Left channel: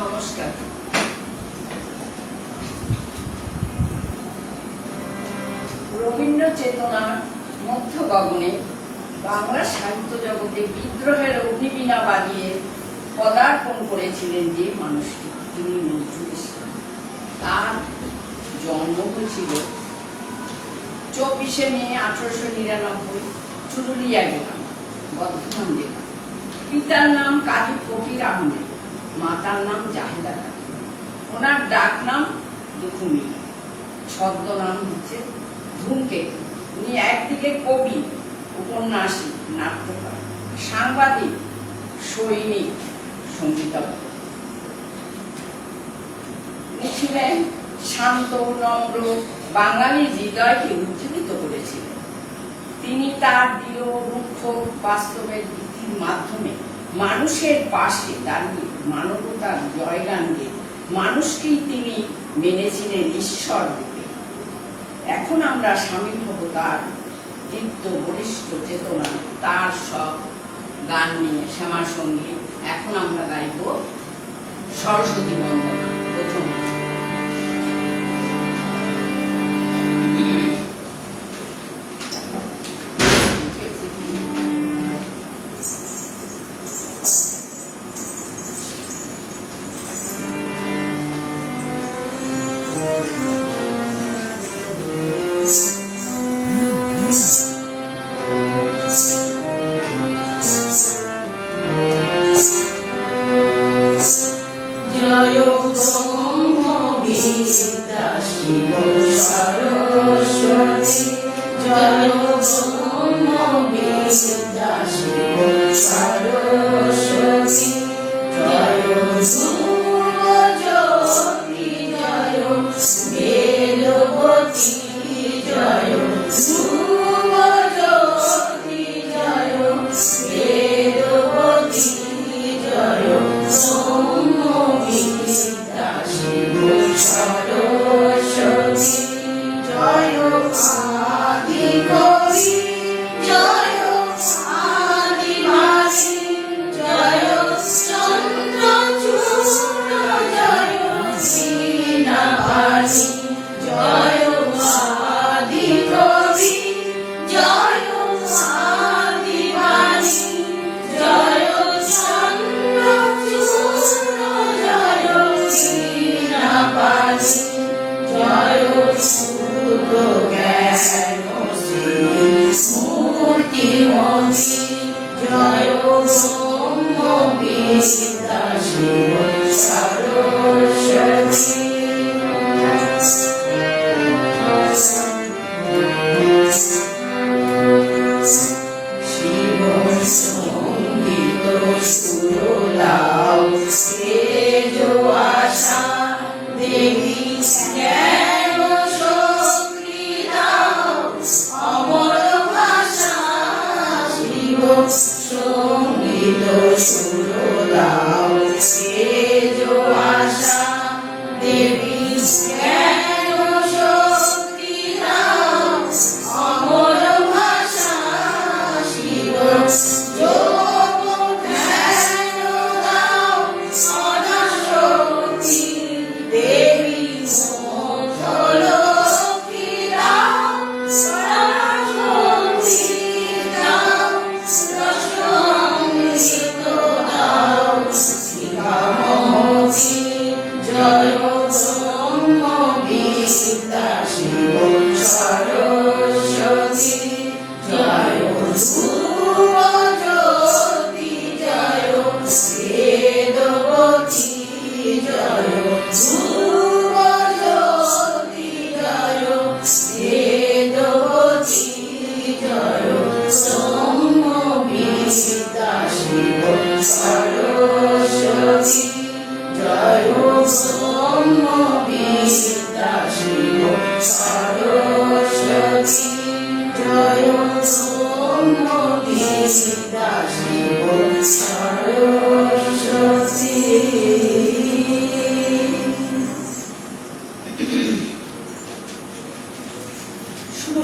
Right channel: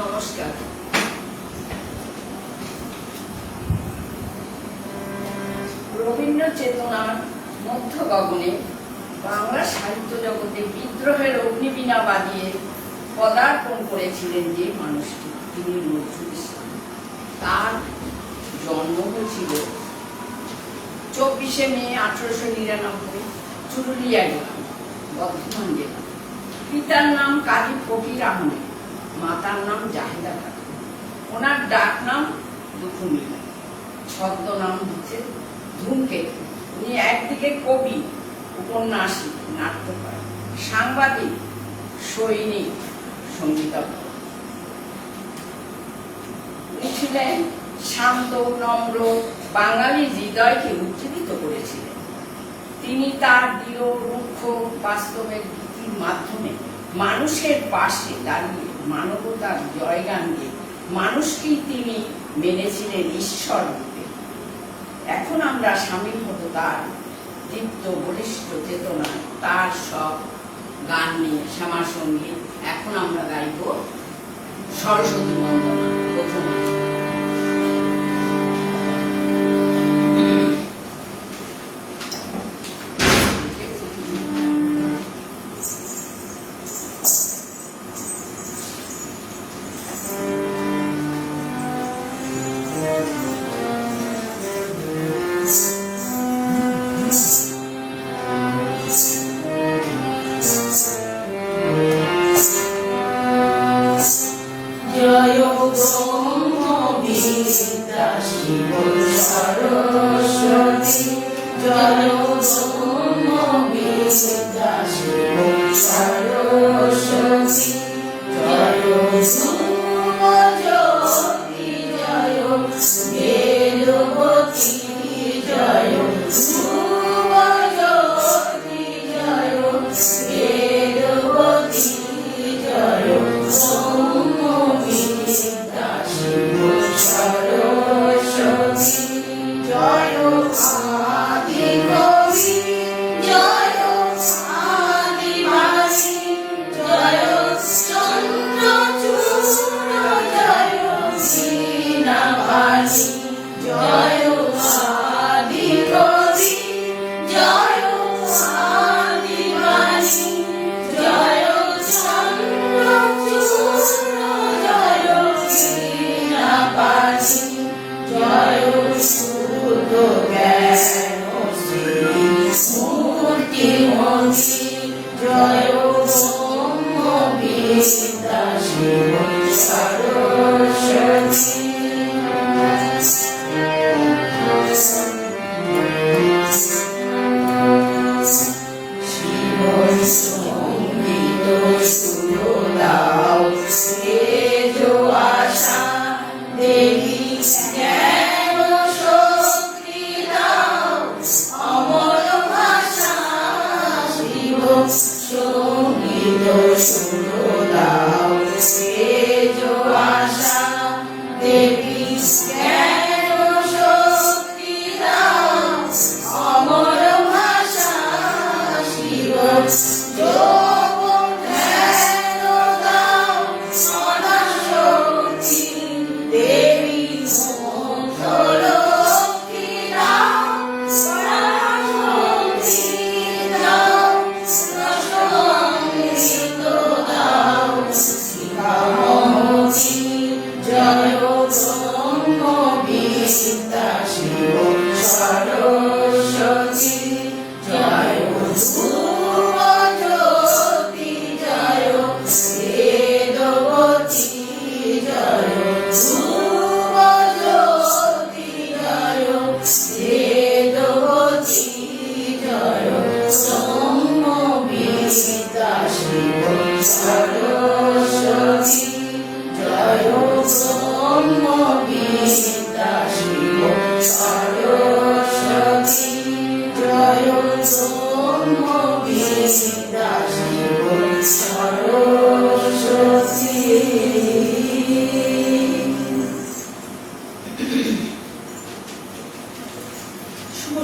নমস্কার। রবীন্দ্র চেতনার মধ্য গগনে বাংলা সাহিত্য জগতে বিদ্রোহের অগ্নিবীণা বাজিয়ে পদার্পণ করেছিলেন যে মানুষটি, তিনি নজরুল ইসলাম। তার জন্ম হয়েছিল 24শে মে 1899 চুরুলিয়া গ্রাম, বর্ধমান জেলা। পিতার নাম কাজী ফকির আহমেদ, মাতার নাম জাহিদা খাতুন। ওনার ডাক নাম দুখুমিয়া, ছদ্মনাম হচ্ছে ধূমকেতু। উনি একদিকে কবি, উপন্যাসিক, নাট্যকার, সাংবাদিক, সৈনিক, সঙ্গীতজ্ঞ। উনি ছিলেন শান্ত, নম্র, বাঙালি হৃদয়কে উজ্জীবিত করেছিলেন। তিনি তার দৃঢ়, রুক্ষ, বাস্তবের নীতির মাধ্যমে মানুষের পাশে দাঁড়িয়ে মানবতার জয়গান দিয়ে মানুষকেই তিনি মেনেছিলেন ঈশ্বর রূপে। এখন আমরা সামিল হব তার দীপ্ত বলিষ্ঠ চেতনা, তার সব গান নিয়ে শ্যামা সঙ্গীত। এখন আমরা গাইব সরস্বতী বন্দনা। প্রথমে জয় ব্রহ্ম বিদ্যা শিব সরস্বতী, জয় ব্রহ্ম বিদ্যা শিব সরস্বতী, জয় ধ্রুবজ্যোতি, জয় বেদবতী, জয় ধ্রুবজ্যোতি, জয় বেদবতী, জয় সরস্বতী, জয় আদি কবি, জয়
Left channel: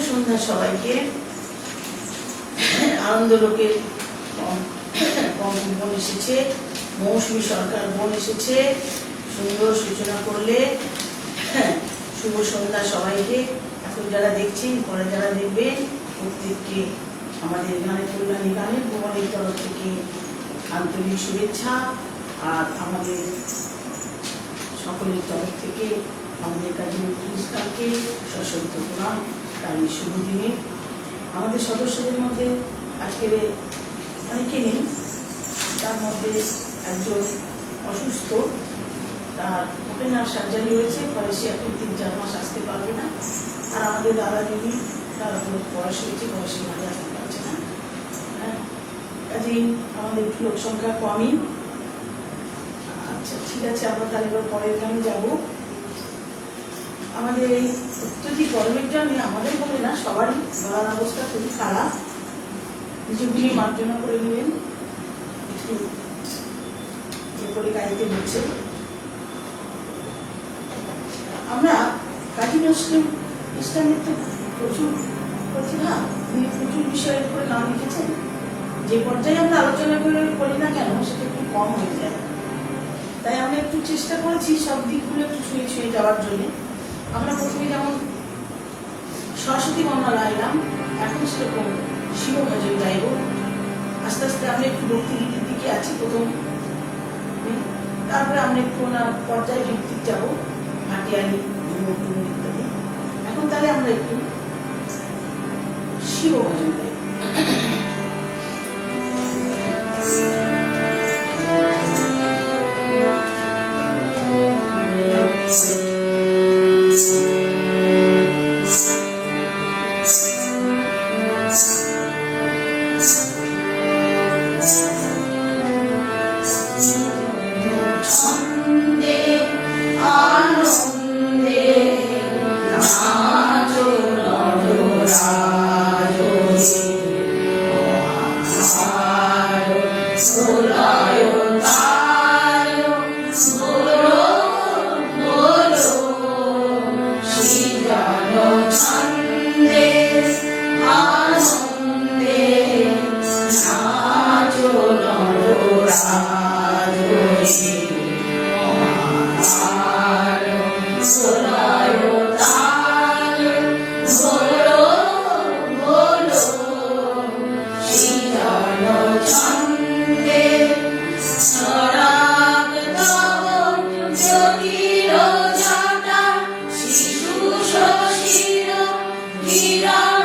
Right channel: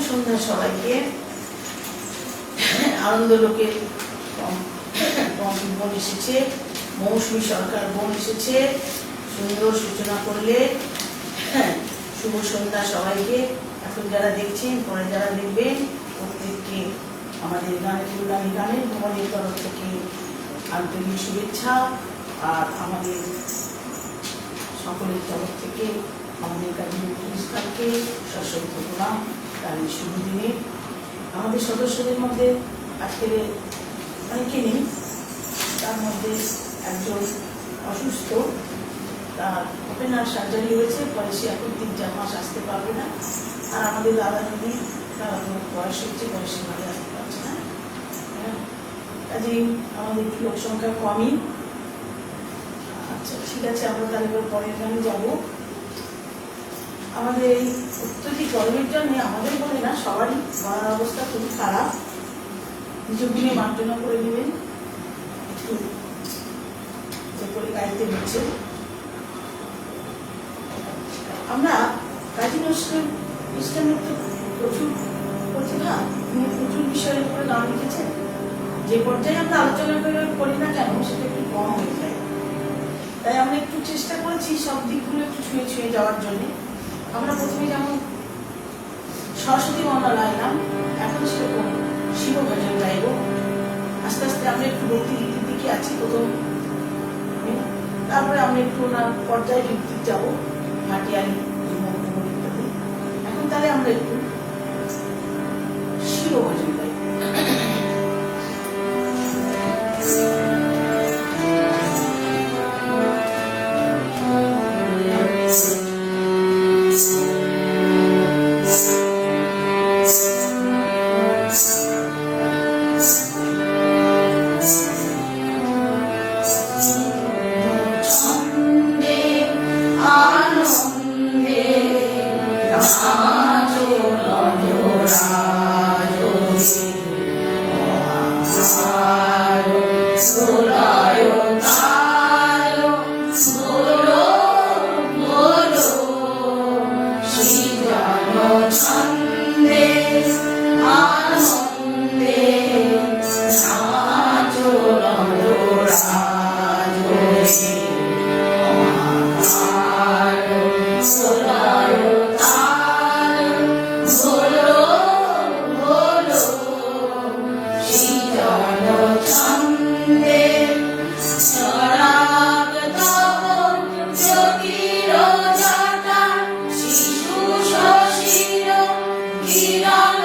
সন্ধ্যা সবাইকে। আনন্দলোকের বোন এসেছে, মৌসুমী সরকার বোন এসেছে, সুন্দর সূচনা করলে। শুভ সন্ধ্যা সবাইকে। এখন যারা দেখছেন, পরে যারা দেখবেন, প্রত্যেককে আমাদের গানের কল্যাণী গানের ভবনের তরফ থেকে আন্তরিক শুভেচ্ছা। আর আমাদের সকলের তরফ থেকে আমাদের কাজী ইসলামকে সশস্ত্র প্রণাম। আর এই শুভ দিনে আমাদের সদস্যদের মধ্যে আজকে অনেকে নেই, তার মধ্যে একজন অসুস্থ, তার ওপেনার সার্জারি হয়েছে, পরে সে এখন 3-4 মাস আসতে পারবে না। আর আমাদের দাদা দিদি তারা তো বয়স হয়েছে, বয়সে মাঝে আসতে পারছে না। কাজেই আমাদের একটু লোক সংখ্যা কমই। আচ্ছা ঠিক আছে, আমরা তাহলে এবার পরের গান যাবো। আমাদের এই অত্যধিক গরমের জন্য আমাদের বলে না, সবারই খাওয়ার অবস্থা খুবই খারাপ। নিজগুলি মার্জনা করে নেবেন, একটু যে করে গাইতে হচ্ছে। আমরা কাজী নজরুল ইসলামের তো প্রচুর প্রতিভা, তিনি প্রচুর বিষয়ের উপরে গান লিখেছেন। যে পর্যায়ে আমরা আলোচনা করি না কেন, সেটা একটু কম হয়ে যায়। তাই আমরা একটু চেষ্টা করেছি সব দিকগুলো একটু ছুঁয়ে ছুঁয়ে যাওয়ার জন্য। আমরা প্রথমে যেমন সরস্বতী মন্ডল গাইলাম, এখন সেরকম শিব ভজন গাইব। আস্তে আস্তে আমরা একটু ভক্তি দিকে আছি প্রথম, তারপরে আমরা একটু ওনার পর্যায়ে ভিত্তিক যাবো, ভাটিয়ালি। এখন তাহলে আমরা একটু শিব ভজন গাইব। কিরণ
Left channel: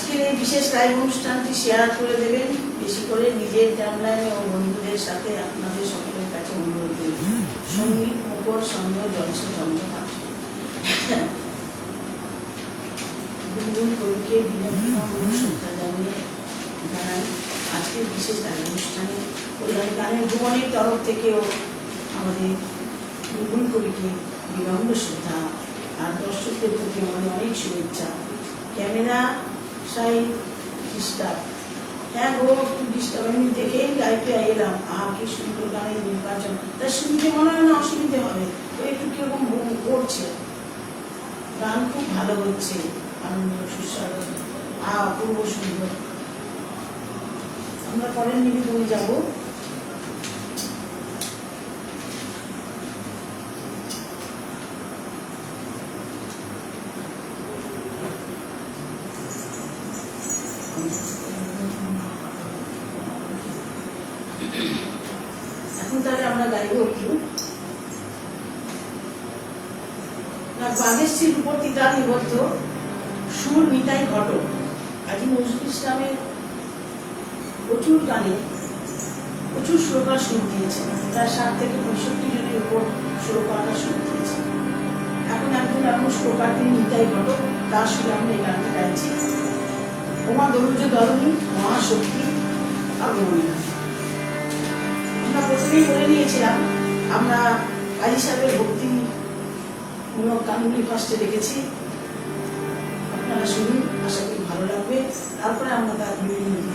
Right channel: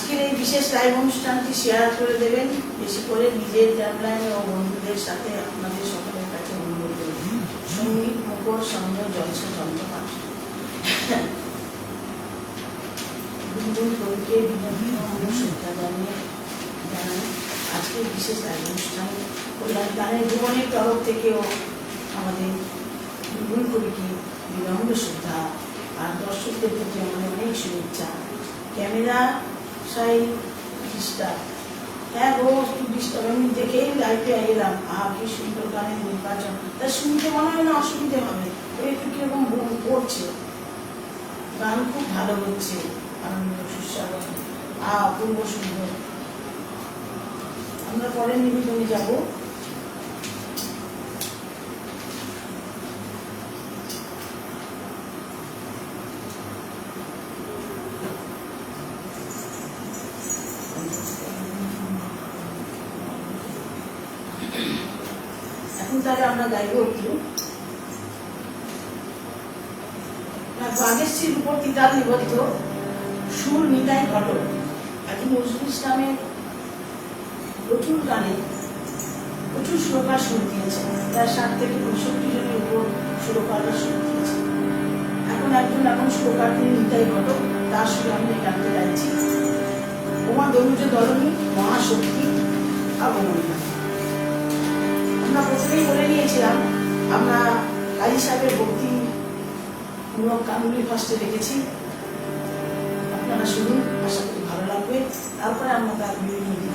আজকের এই বিশেষ লাইভ অনুষ্ঠানটি শেয়ার করে দেবেন, বেশি করে নিজের টাইমলাইন ও বন্ধুদের সাথে আপনাদের সকলের কাছে অনুরোধ করবেন। সঙ্গীত উপর সুন্দর জলসা চন্দ্রপাত্র কবিকে বিনোদী শ্রদ্ধা জানিয়ে জানাই আজকের বিশেষ লাইভ অনুষ্ঠানে কল্যাণ গানের ভুবনের তরফ থেকেও আমাদের বুলবুল কবিকে বিনম্র শ্রদ্ধা আর দর্শকদের প্রতি আমাদের অনেক শুভেচ্ছা। ক্যামেরা সাই ডিস্টার্ব, হ্যাঁ গো একটু ডিস্টার্ব, আমি দেখেই লাইভে এলাম। কি সুন্দর গানের নির্বাচন, তা শুনতে মনে হয় না অসুবিধে হবে, একটু কিরকম করছে, গান খুব ভালো হচ্ছে, আনন্দ সুস্বাদু অপূর্ব সুন্দর। আমরা পরের নিবেদনে যাবো। এখন তাহলে আমরা গাইব একটু বাগেশ্বরীর উপর তিতাতে বদ্ধ সুর মিটাই ঘটক। আজ নজরুল ইসলামের প্রচুর গানে প্রচুর সুরকার সুর দিয়েছে, তার 60 থেকে 65 জনের উপর সুরকাররা সুর দিয়েছে। এখন সুরকার তিনি মিটাই ঘটক, তার সুর আমরা এই গানটি গাইছি। উমা দরুজে দরণী মহাশক্তি অবমূল্য। আমরা প্রথমেই বলে নিয়েছিলাম আমরা কাজী সাহেবের ভক্তি গানগুলি ফার্স্টে রেখেছি, আপনারা শুনুন, আশা করি ভালো লাগবে। তারপরে আমরা তার বিভিন্ন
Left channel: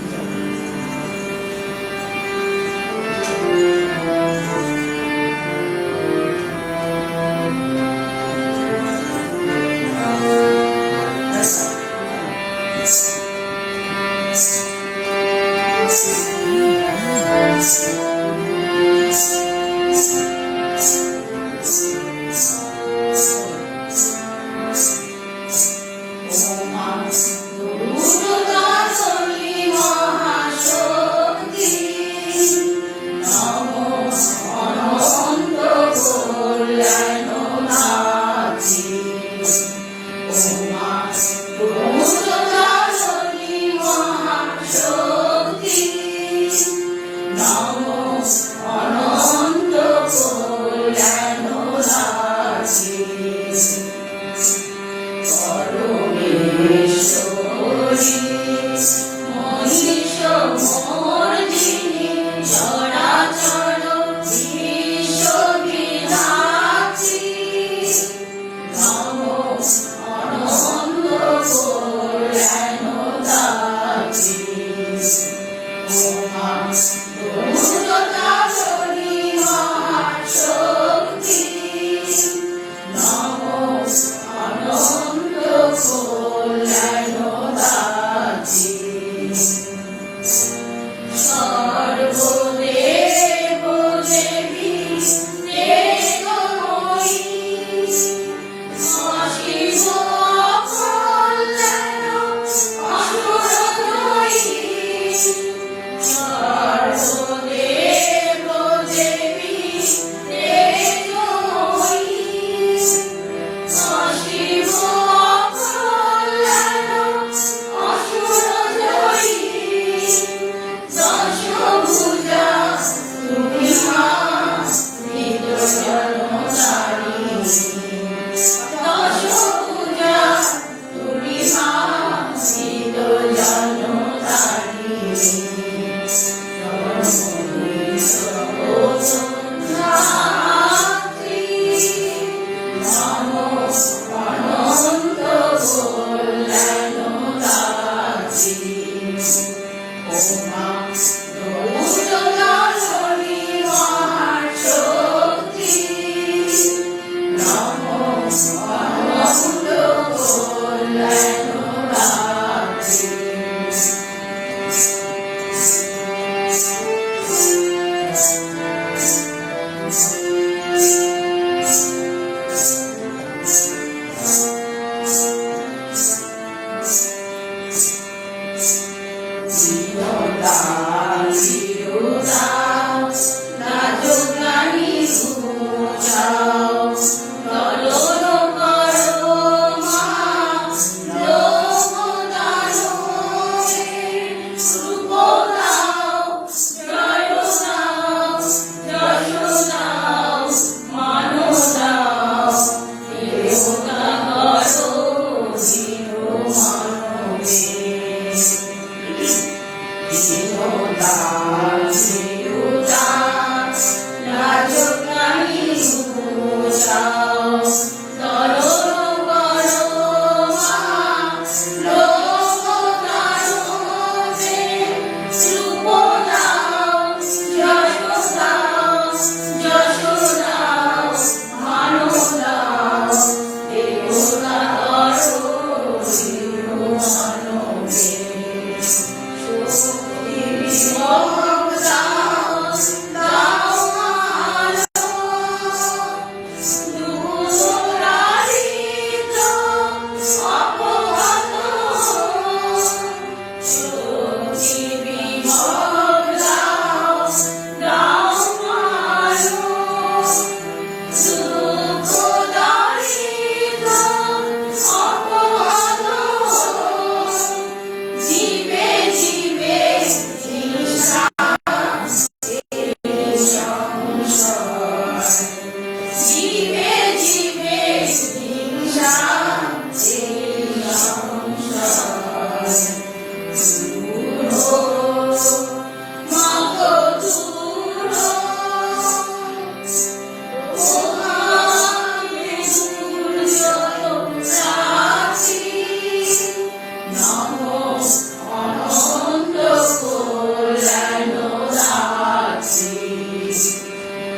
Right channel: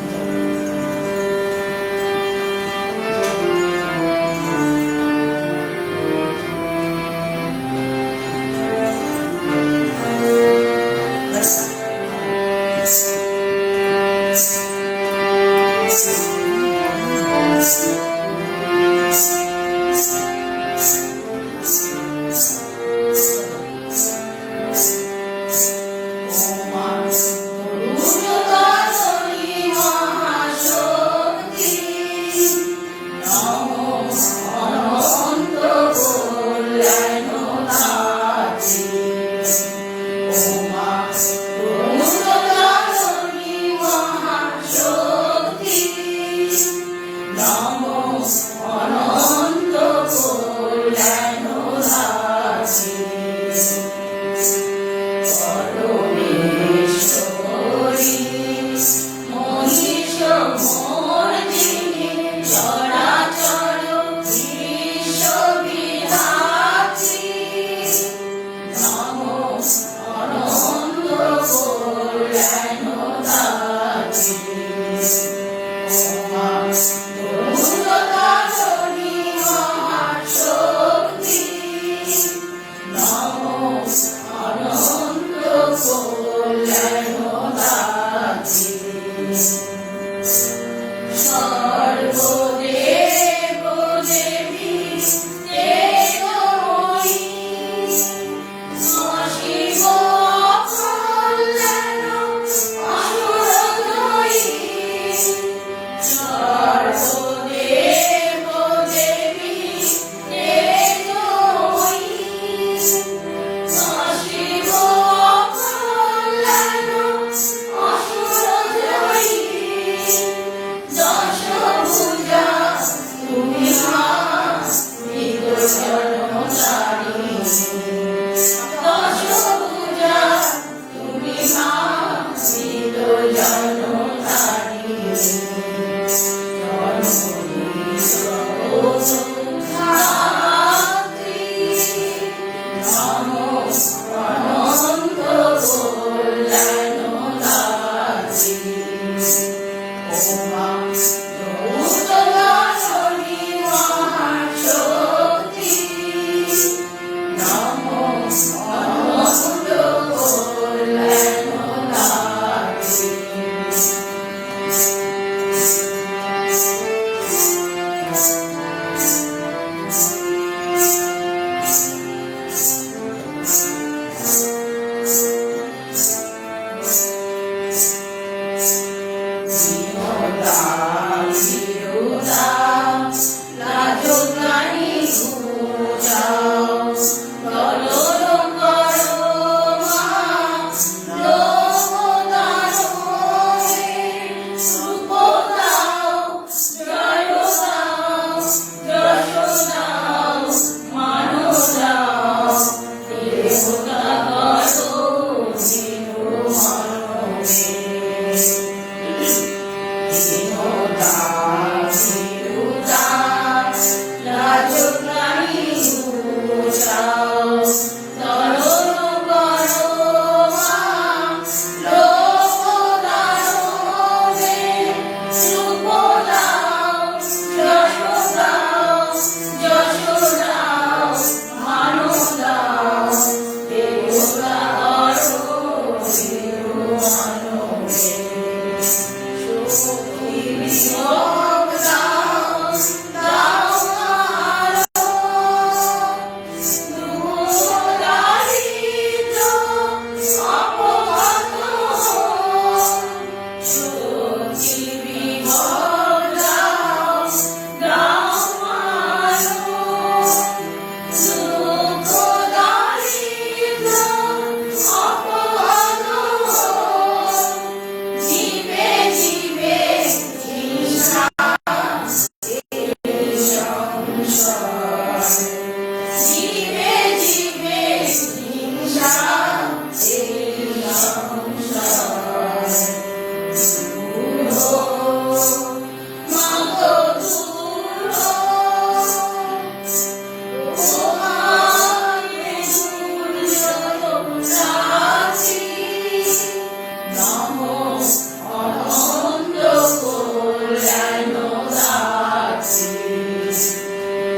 অনন্ত কল্যাণ রাত্রি।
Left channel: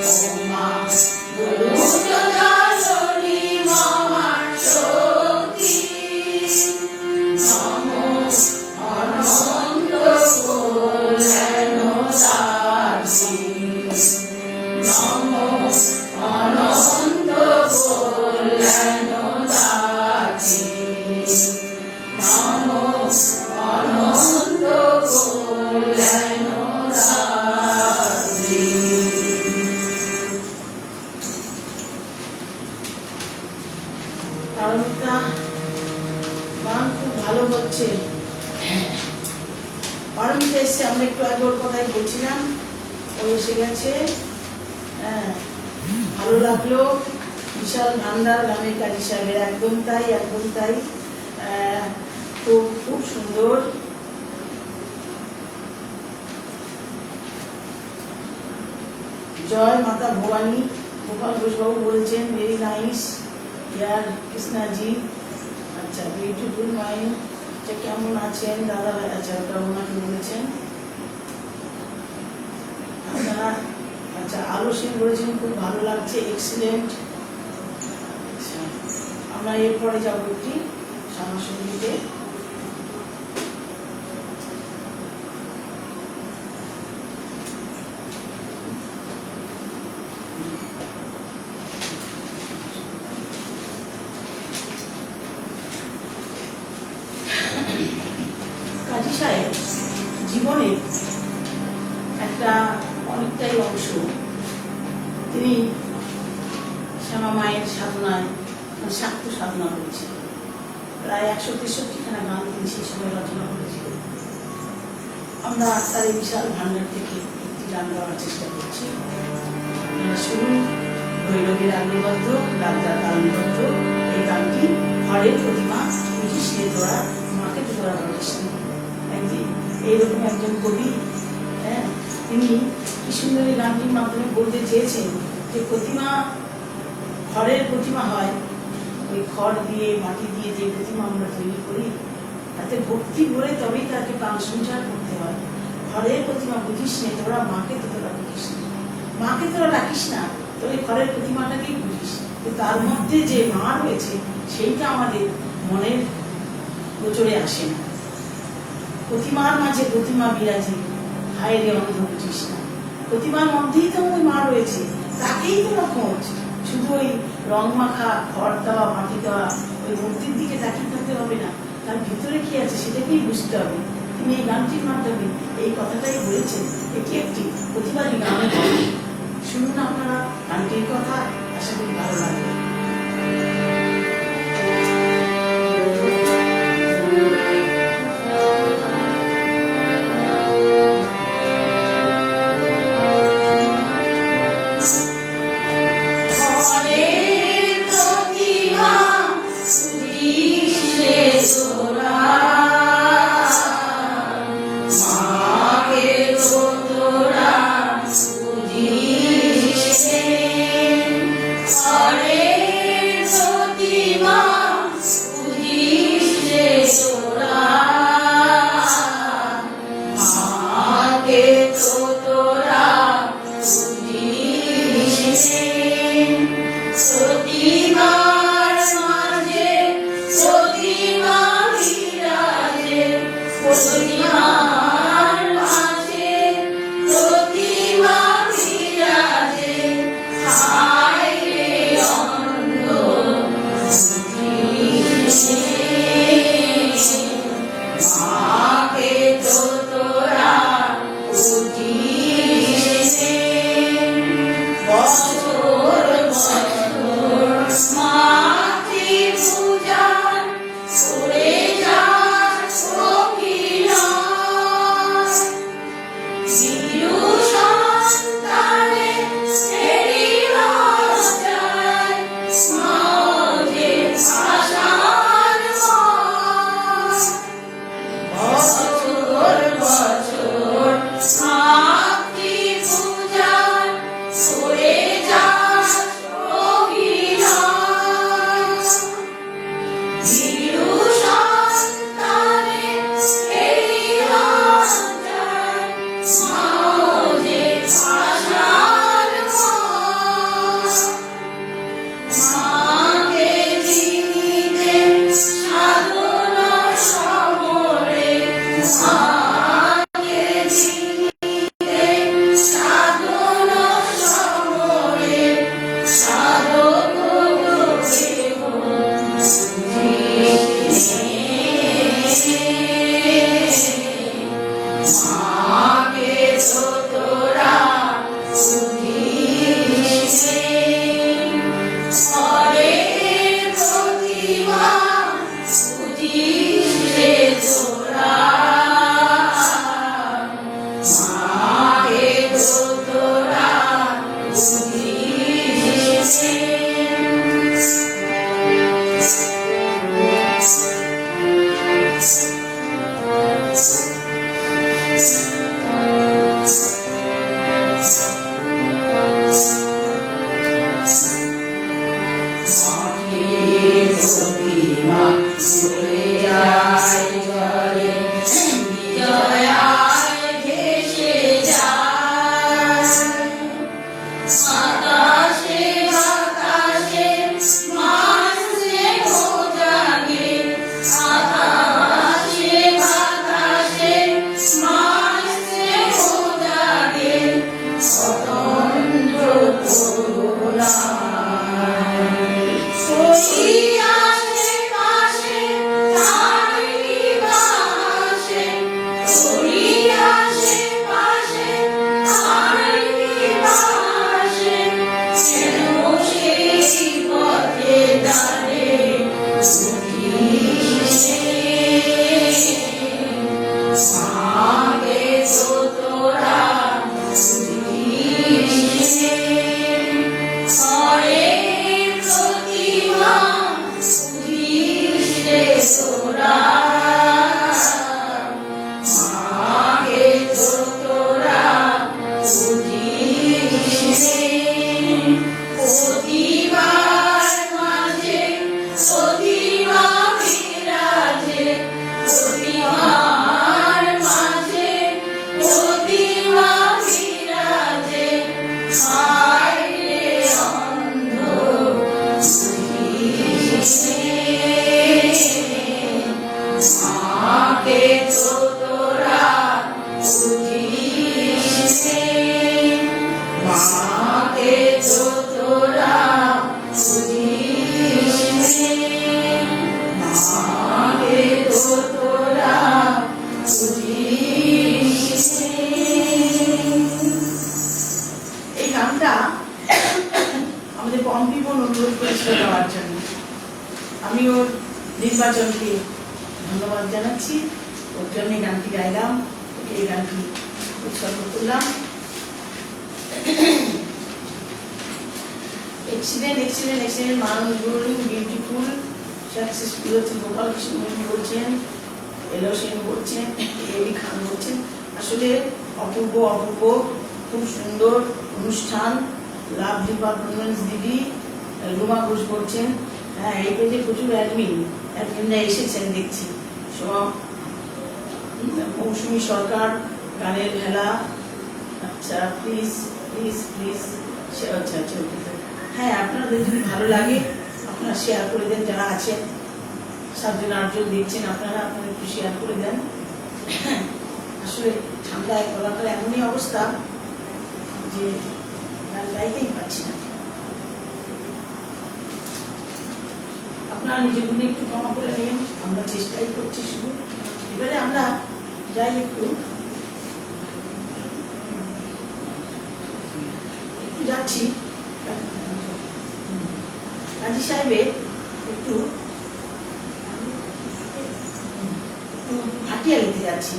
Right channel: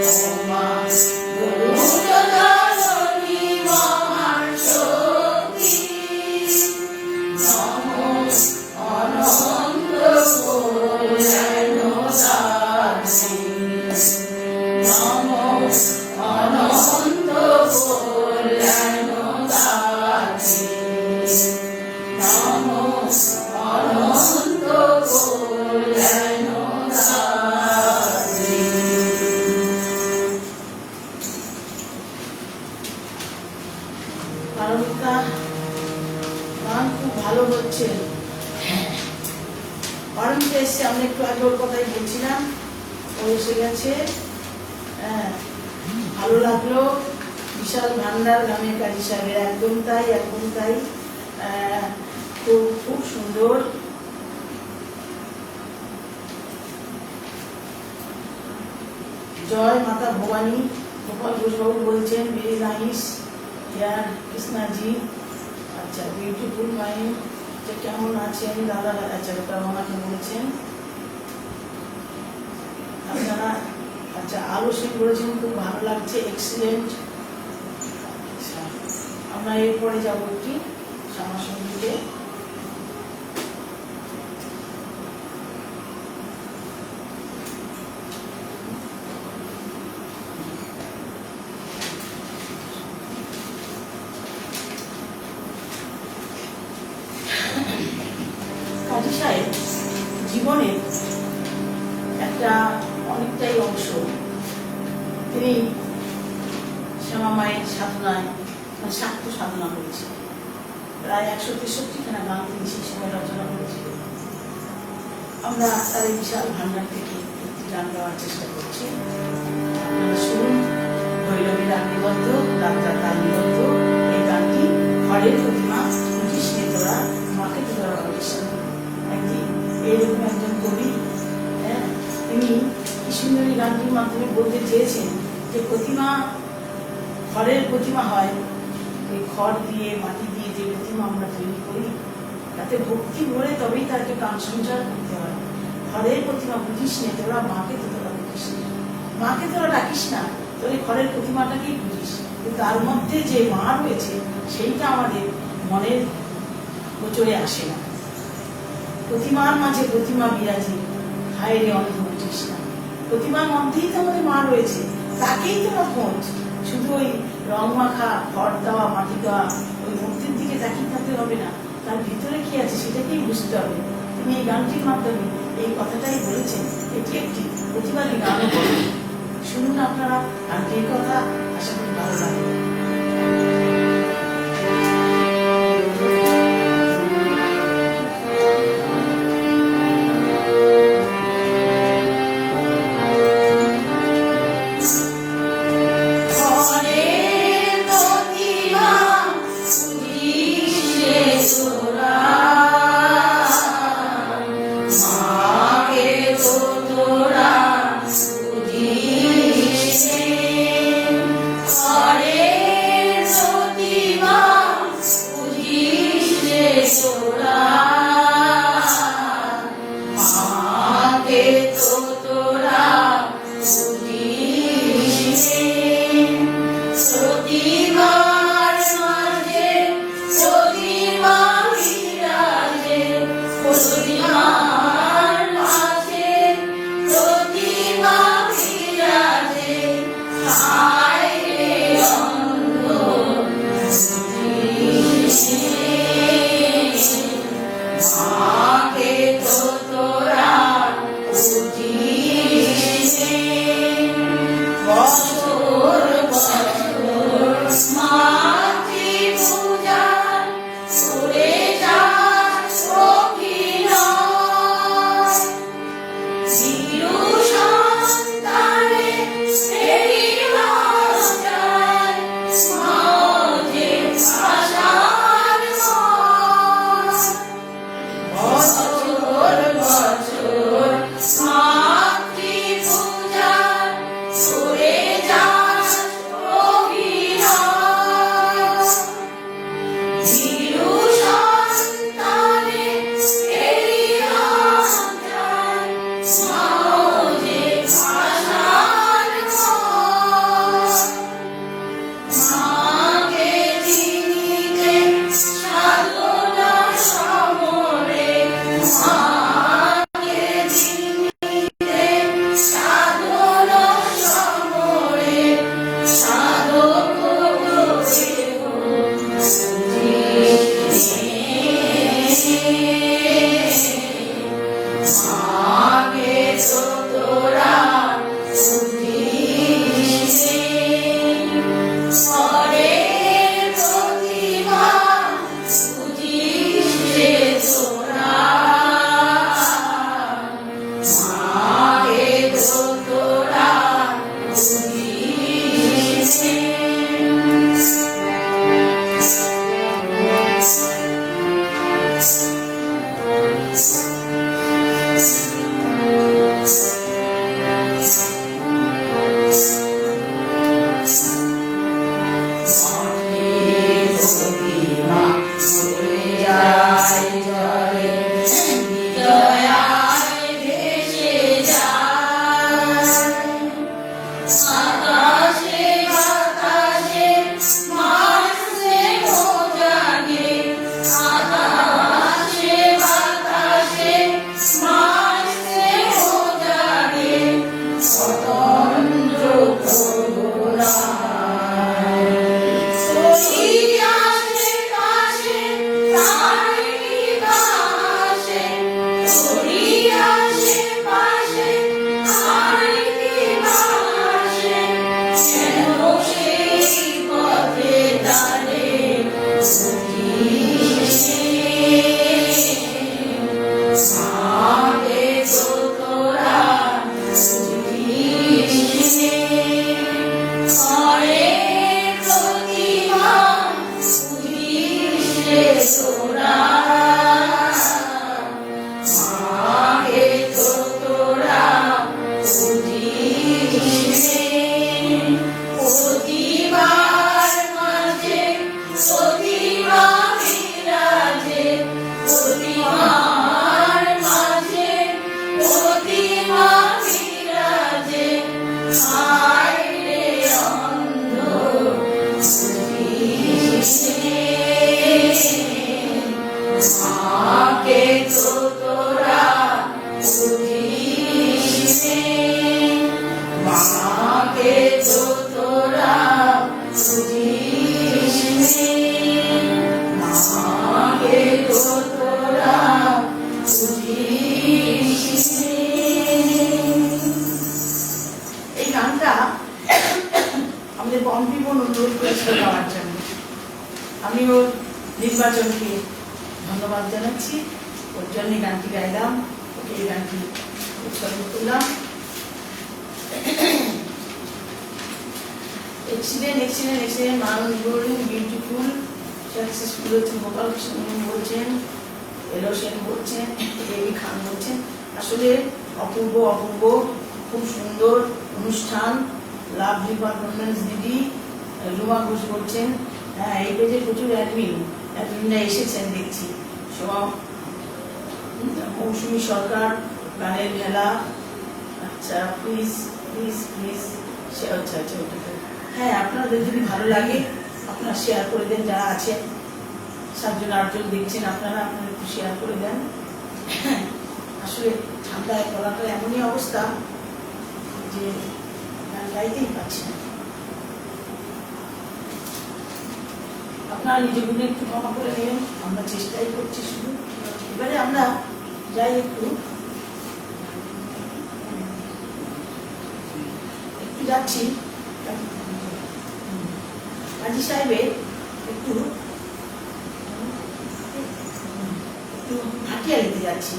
ও মা দুর্যোধনী মহাশক্তি, নমো অনন্ত কল্যাণ রাত্রি। নমো অনন্ত কল্যাণ রাত্রি। নমো অনন্ত কল্যাণ রাত্রি। পারমিতা গান খুব ভালো হচ্ছে। পারমিতা এসে আমরা একটু আগে ওর কথাই বলছিলাম, ও এসে গেছে। হ্যাঁ, ভালো লাগলো। বিশাল ভান্ডার গানের কাজী সাহেবের, একদম তাই একদম তাই। খুব খুব সুন্দর। জয় মাতা ভবানী। গোপাল ঘোষবাবু বলছেন ভেরি নাইস ইয়ার কৃষ্ণাজি। আচ্ছা, বিউটিফুল মাইন্ড, যে কেমন আছেন দাদা? আচ্ছা, ওটা ওনাকে বলেছেন আপনারা। আচ্ছা, আরো সে করেছেন, খুব ভালো লাগছে, এক্সিলেন্ট। আচ্ছা, আমরা এরপরে যাবো একটি সংস্কৃতিতে। কাজী সাহেব জীবনের একটা অনেকটাই অংশ তিনি শ্যামা মায়ের সাধনায় সাক্ষ্য সাধনা করেছেন। প্রায় 163খানা গান তিনি সেই সময় রচনা করেছিলেন। আমরা তার এই বিশাল ভান্ডার থেকে গান গাওয়ার চেষ্টা করছি। আপনারা শুনুন ভৈরবের আগ্নিবদ্ধ, রাজার আগ্নিবদ্ধ এই গানটি। ঘরের প্রতিমা বুঝিয়ে তোরা মাকে তোরা বানিয়েছেন। এইরকম একজন কবি, হ্যাঁ, তিনি কি সুন্দর এই গানটির মাধ্যমে বলতে চেয়েছেন যে প্রতিমা ঘরের প্রতিমা হয়, এই খড় দিয়ে মাটি দিয়ে যে প্রতিমা আমরা তৈরি করি তাতে ভক্তি ভরে তবেই তাকে প্রাণ সঞ্চার করতে হয়। ঘরের প্রতিমা বুঝিস নে তোরা মাকে তোরা বুঝিস না, মাকে তোরা রাখিস না, তোর ঘরের প্রতিমাটাকেই বুঝিস। তার মধ্যে যে মা রয়েছে সেইটা আমাদের মনের গোচরে আসে না। প্রতিমার মাঝে প্রতিমা বিরাজে, হায় রে অন্ধ বুঝিস না। প্রতিমার মধ্যেই তো আমাদের মা রয়েছে, তাকেই তোরা খোঁজ। শুধু ওই রং মাখা খড় দেওয়া মাটি দেওয়া ওই মূর্তির দিকে তাকিয়ে করতে হবে না, তার ভিতরে কি আছে সেটাকেই বুঝতে হবে। তিনি এই গানটির মাধ্যমে এই কথাটাই বলেছেন। এটি একটি প্রতিবাদী গান। শুনুন আপনারা গানটির কথা, আশা করি ভালো লাগবে। ঘরের প্রতিমা বুঝিস নে তোরা, মাকে তো তোরা বুঝিস নে। ঘরের তো তোরা বুঝিস নে, মাকে তো তোরা বুঝিস নে, মাকে তো তোরা বুঝিস নে। এই গানটা আমাদের পম্পি বোন অনুরোধ করেছিল গাওয়ার জন্য। আমি ওর নির্বাচনকে ধন্যবাদ জানাচ্ছি। ওর জন্য এই গানটি গাইলাম, এই গানটি উৎসর্গ করলাম। এক্সিডেন্ট এক্সিডেন্ট এক্সিডেন্ট মানবগুলো বিউটিফুল সাকসেসফুল হচ্ছে। গোপাল কৃষ্ণ বলছেন, এলো সেন বলছেন, এবি খান বলছেন। আসলে অপূর্ব অপূর্ব, খুব সুন্দর অনুষ্ঠান। লাভলি পারফরমেন্স দিদি রুমা ঘোষ বলছেন। হ্যাঁ, এই যে প্রচুর অ্যাডমিনরা এসেছেন দেখছি। সব মৌসুমী সরকার, গানের মেলা। আচ্ছা, প্লিজ প্লিজ প্লিজ শেয়ার। আচ্ছা আচ্ছা, হ্যাঁ, আপনাদের যদি ভালো লাগে আপনারা শেয়ার করে দেন। যারা আছেন 7জন 8জন দেখছেন, আপনারা একটু শেয়ার করে দেন। আসলে ঠান্ডায় কলকাতার এমনই অবস্থা যে গান গাইতেই পারছি না। আপনারা নিজেগুলো একটু ক্ষমা করে নেবেন, আমরা চেষ্টাই করছি শুধু। এবারে আমরা যাই একটু যাচ্ছি কাজী সাহেবের একটু ভাটিয়া নিতে যাচ্ছি।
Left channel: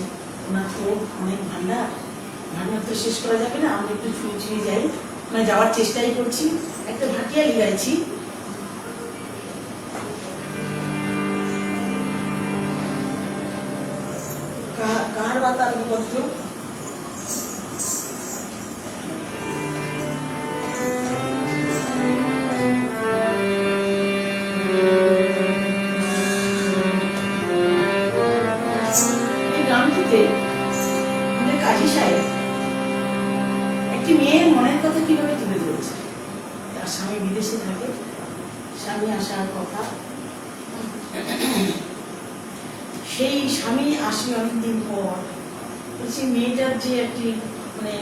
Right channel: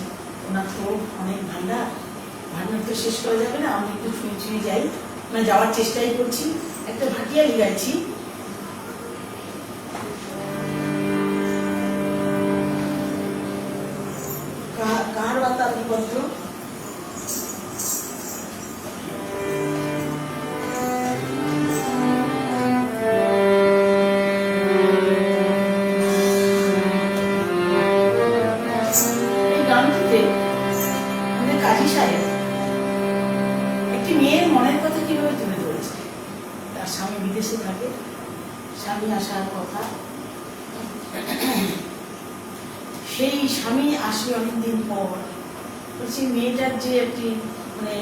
ওনার তো অনেক ভান্ডার তো শেষ করা যাবে না, আমরা একটু ছুঁয়ে ছুঁয়ে যাই। আমরা যাওয়ার চেষ্টাই করছি। একটা ভাটিয়াই গাইছি। কার বাতা বলতো একটি মেয়ের মনের কথা কিভাবে তুলে ধরেছে। তার স্বামী বিদেশে থাকে, স্বামী আসার কথা, সেই স্বামী আসবে অনেকদিন পর। বলছি মেয়েটার যে একটি মানে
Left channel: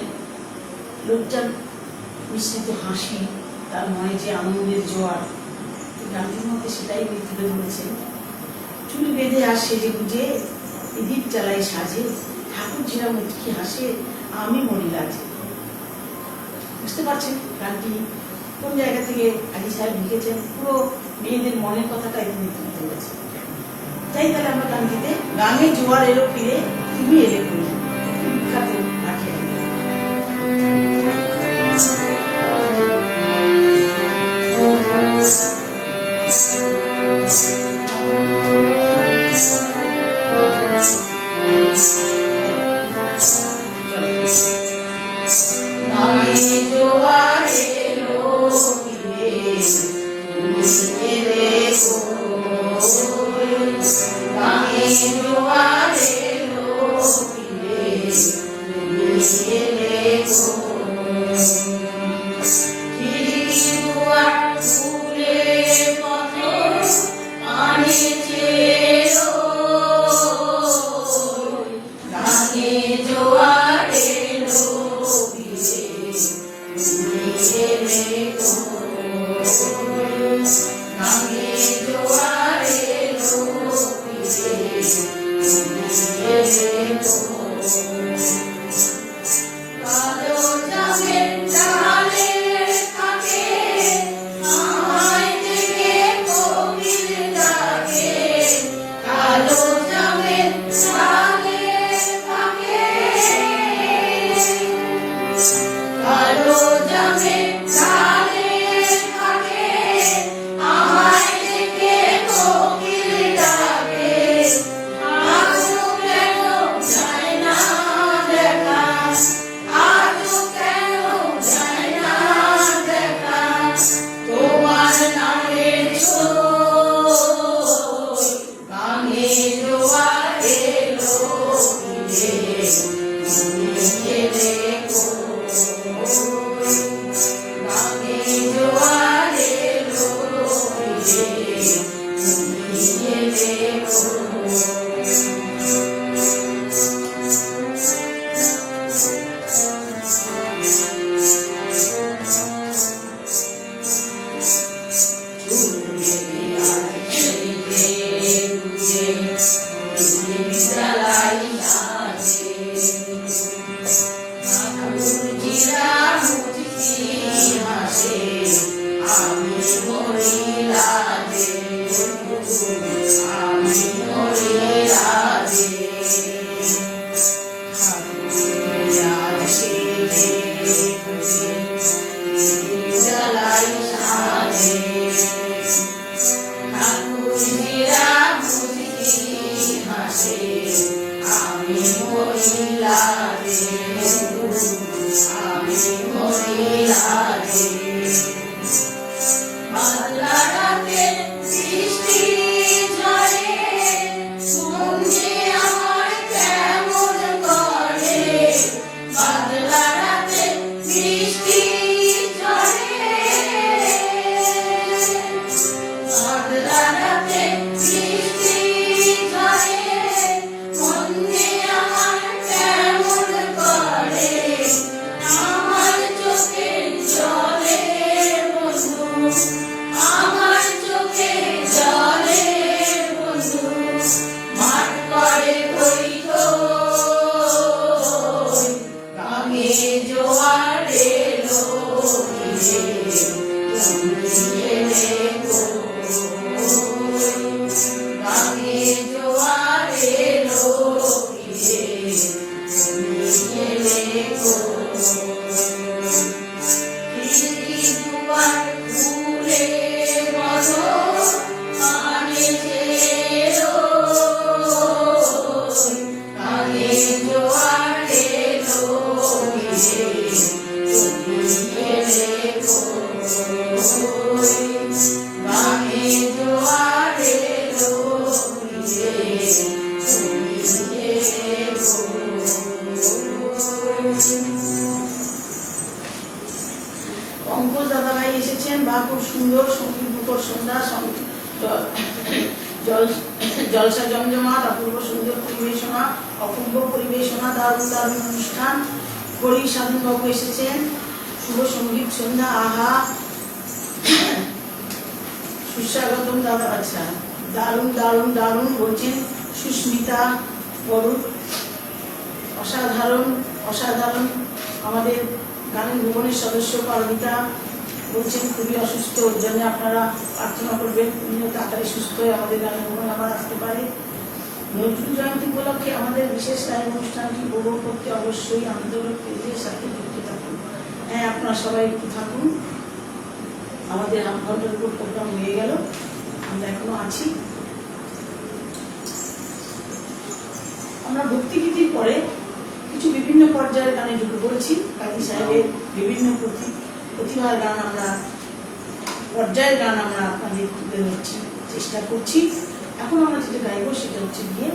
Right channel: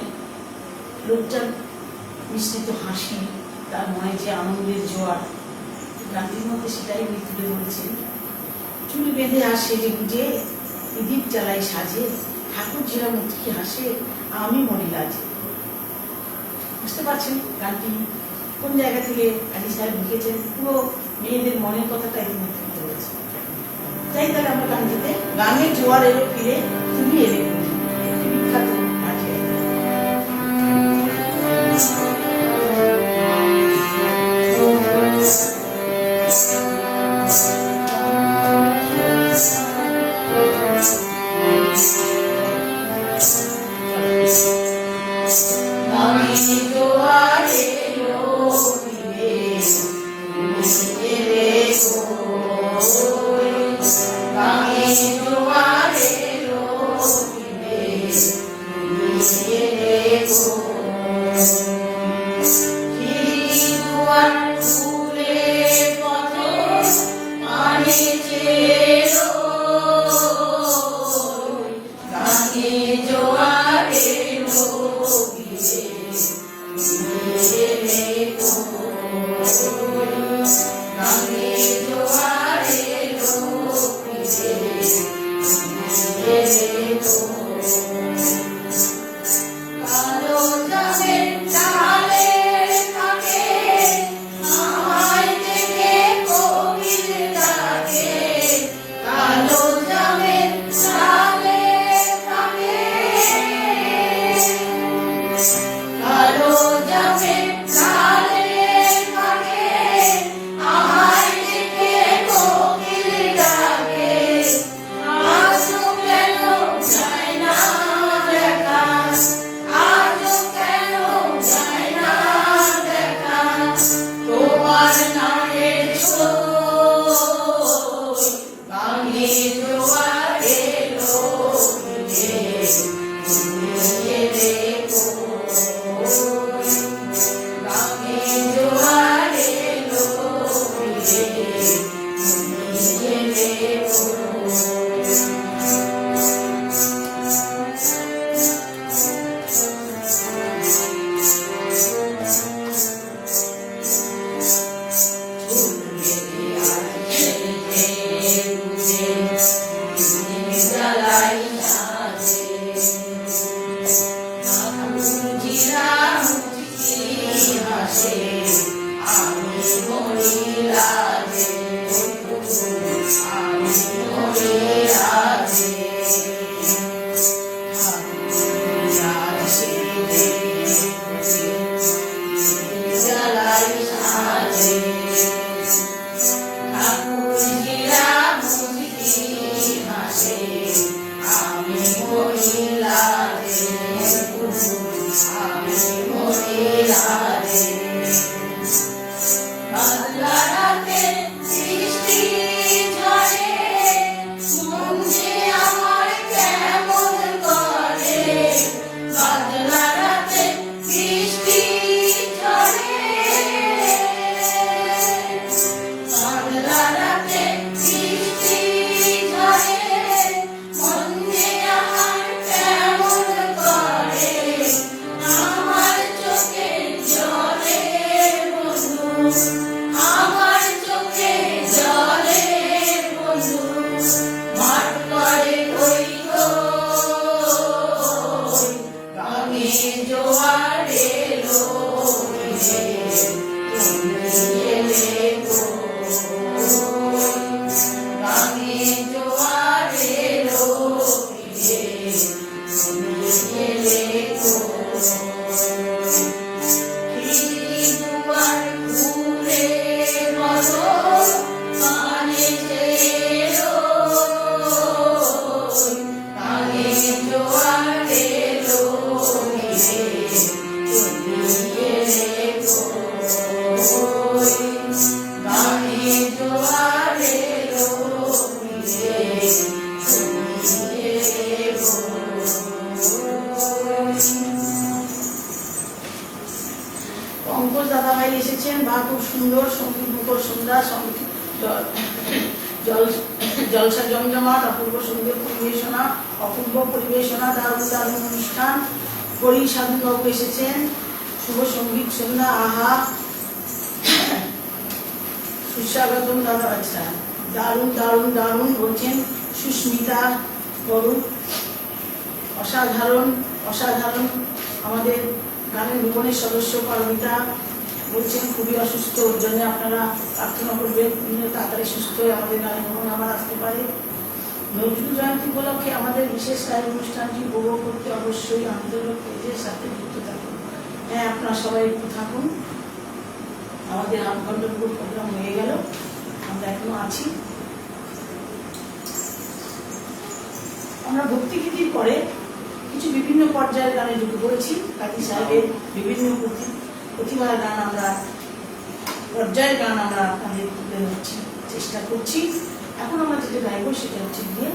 লোকটার মিশ্রিত হাসি, তার মনে যে আনন্দের জোয়ার, গানটির মধ্যে সেটাই উনি তুলে ধরেছে। চুল বেঁধে আর সেজে গুজে দীপ চালাই সাজে, ঠাকুর জিরা মুটকি হাসে, আমি মনে লাজে। বুঝতে পারছেন গানটি কোন জায়গা থেকে কাজী সাহেব লিখেছেন? পুরো মেয়েদের মনের কথাটাই তিনি তুলে ধরেছে। তাই তাহলে আমরা গানটিতে গানের জোয়ার এলো ফিরে, তুমি এলে বিখ্যাত ভাটিয়া। খুব সুন্দর সঙ্গীতমুখর সন্ধ্যা, জলসা জমজমাট, অপূর্ব সুন্দর পরিবেশনা, অপূর্ব পরিবেশনা, দারুণ দারুণ অনুষ্ঠান। হরি সাধন বাবু এসেছেন, শুভ সঙ্গীত সন্ধ্যা, আহা সুস্বাগতম। আচ্ছা, দারুণ দারুণ দারুণ বলছেন সুস্মিতা বাবু, অসাধারণ অসাধারণ। আমাদের গানের মনের সদস্য পারমিতা বলছেন খুবই অসুস্থ, ওর জন্য আপনারা প্রার্থনা করবেন তাড়াতাড়ি সুস্থ হয়ে আমাদের গানের মন আবার আসতে পারে। নজরুল জয়ন্তী উপলক্ষে আমাদের বিশেষ লাইভ অনুষ্ঠানটি উপভোগ করতে অবশ্যই আন্দোলন পেজের সাথে যুক্ত থাকুন। হ্যাঁ, আপনারা সবাই একটু থাকুন। আমাদের আমন্ত্রণ প্রোগ্রাম হয়ে গেল, আমরা এখনো আছি। আমরা ভক্তিগীতির পরে কিছু বিভিন্ন পর্যায়ের গানে ঢুকে পড়েছি। কাজী সাহেবের বিভিন্ন প্রতিভার গান, আমরা পর্যায়ের গান আমরা আপনাদের তুলে ধরছি, চেষ্টা করছি। এখন আমরা যেটা গাইব সেটা হচ্ছে গিয়ে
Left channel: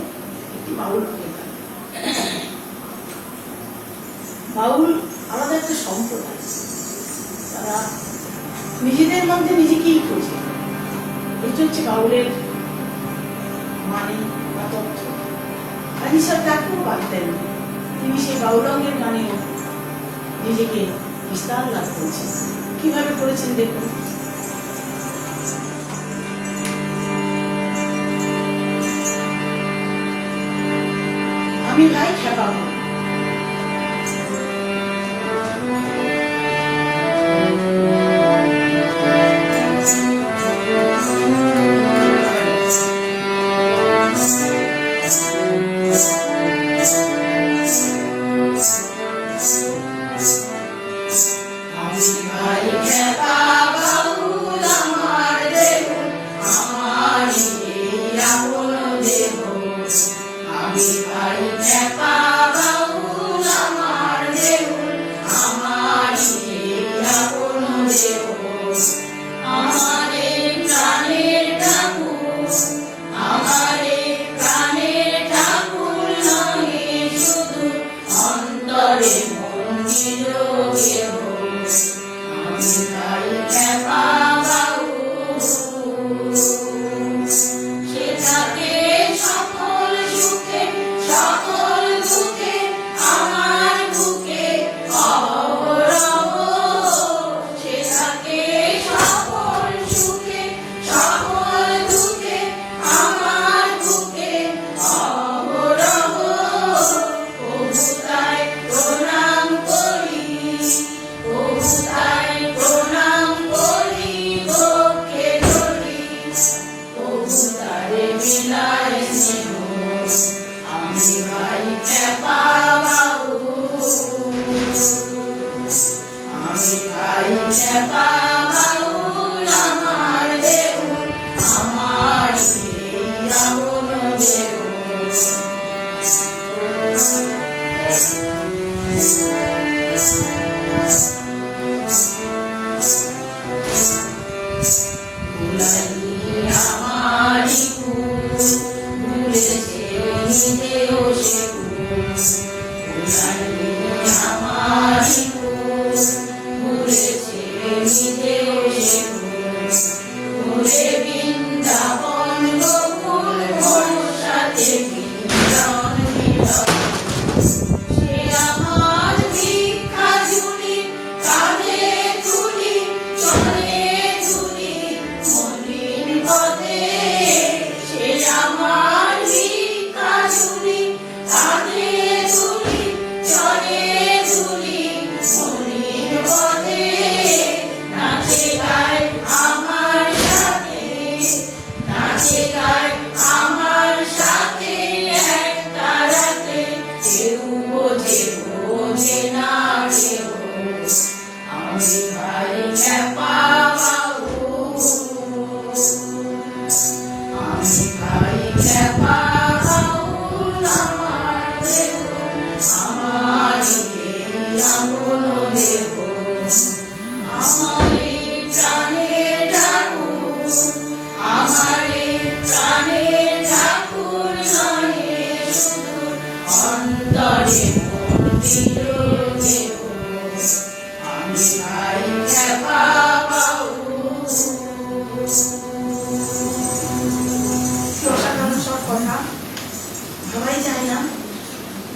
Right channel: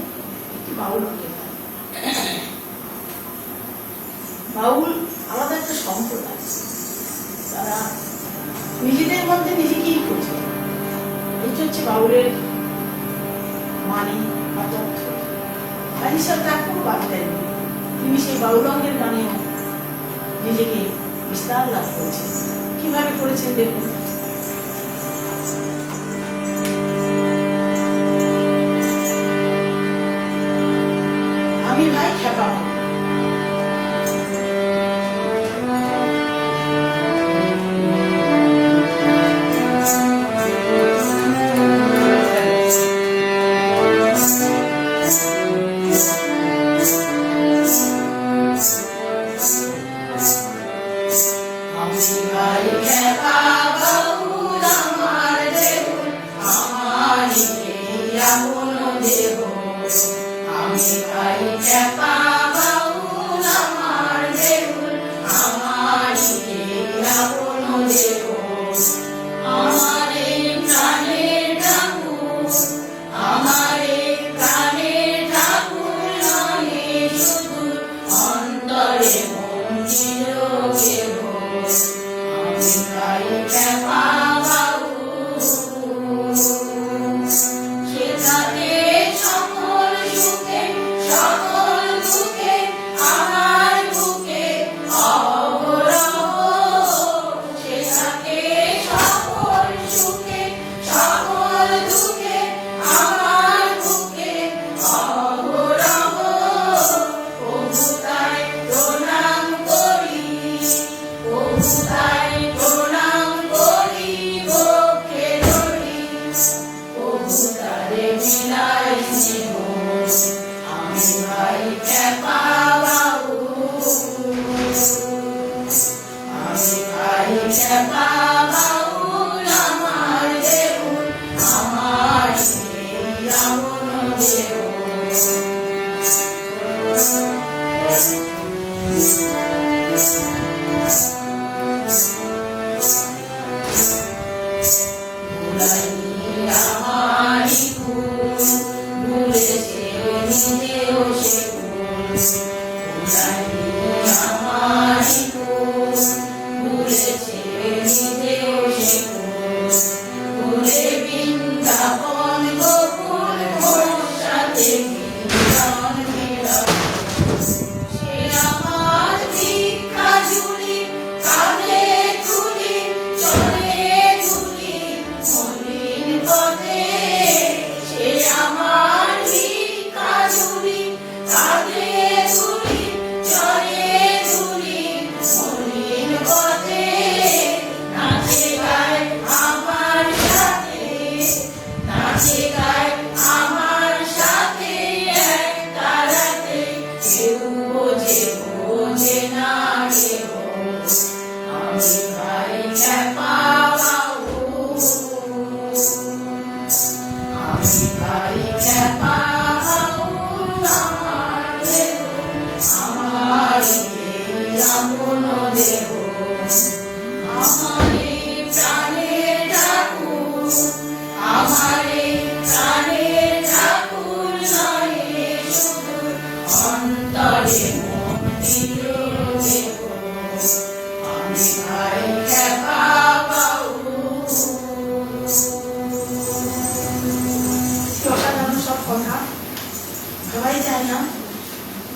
একটি বাউল গান। বাউল আলাদা একটা সম্প্রদায়, তারা নিজেদের মধ্যে নিজেকেই খোঁজে। এটি হচ্ছে বাউলের মানি বা তথ্য। কাজী সাহেব তার কোনো বাদ দেননি, তিনি সেই বাউলঙ্গের গানেও নিজেকে বিস্তার লাভ করেছেন। কিভাবে করেছেন দেখুন। আমি গাই খেপা আমি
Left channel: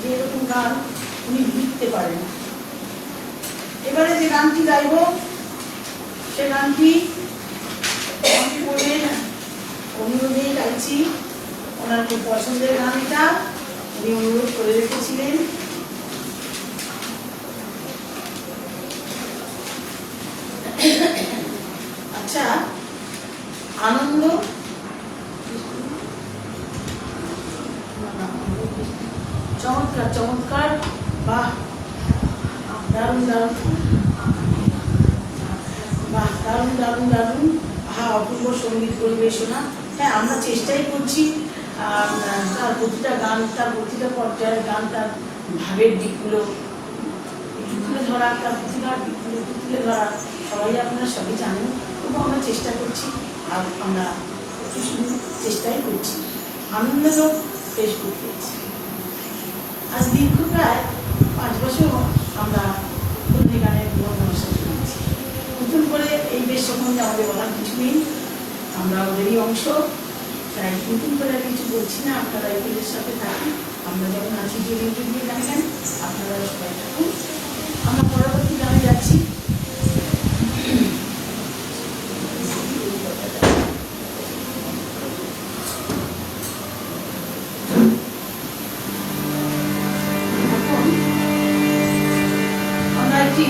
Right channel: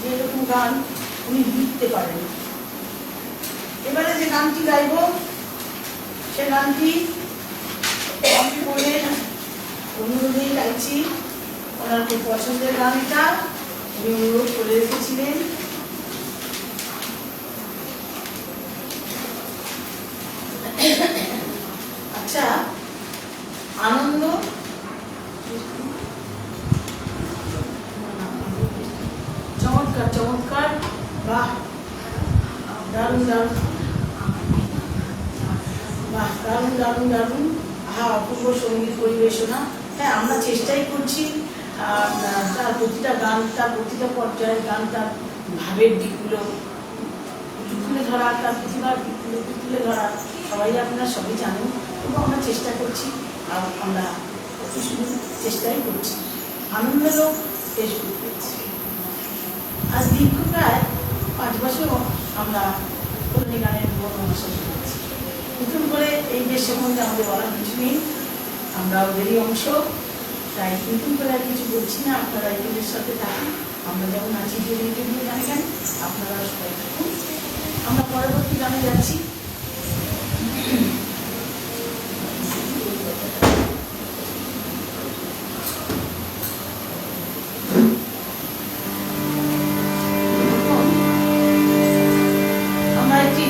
যেরকম গান উনি লিখতে পারেন। এবারে যে গানটি গাইব সে গানটি অনুরোধেই গাইছি। ওনার খুব পছন্দের গান এটা, উনি অনুরোধ করে রেখেছিলেন। আচ্ছা, আনন্দ চমৎকার চমৎকার, বাহ দারুণ দারুণ, বাহ দারুণ দারুণ দারুণ, আহা অপূর্ব সঙ্গীত পরিবেশনা। হ্যাঁ, আমরা চেষ্টাই করছি তার প্রতিটা গান, তার প্রতিটা পর্যায়ের গান, তার ভাবের দিকগুলো তুলে ধরা, তার প্রতিভার দিকগুলো তুলে ধরা। সবাই আপনারা সবাই জানেন, তবু আমরা চেষ্টা করছি, আর আমরা শুধু চেষ্টাই করছি। আনন্দ ফেসবুক পেয়েছি। আজ দীর্ঘ প্রায় 5 বছর আমরা পল্লী গানের পরিবেশন করেছি। নতুন করে এই দেশ সম্বন্ধে আমাদের বলার কিছু নেই, আমরা ওদেরই অংশ, তাই নতুন করে আর কিছু বলছি না। আপনারা এদের সাথে থাকুন, আমরা যেমন আছি জুড়ে জুড়ে গান, আপনারা সবাই থাকুন। আমরা পরবর্তী গানে যাচ্ছি। আমরা একটি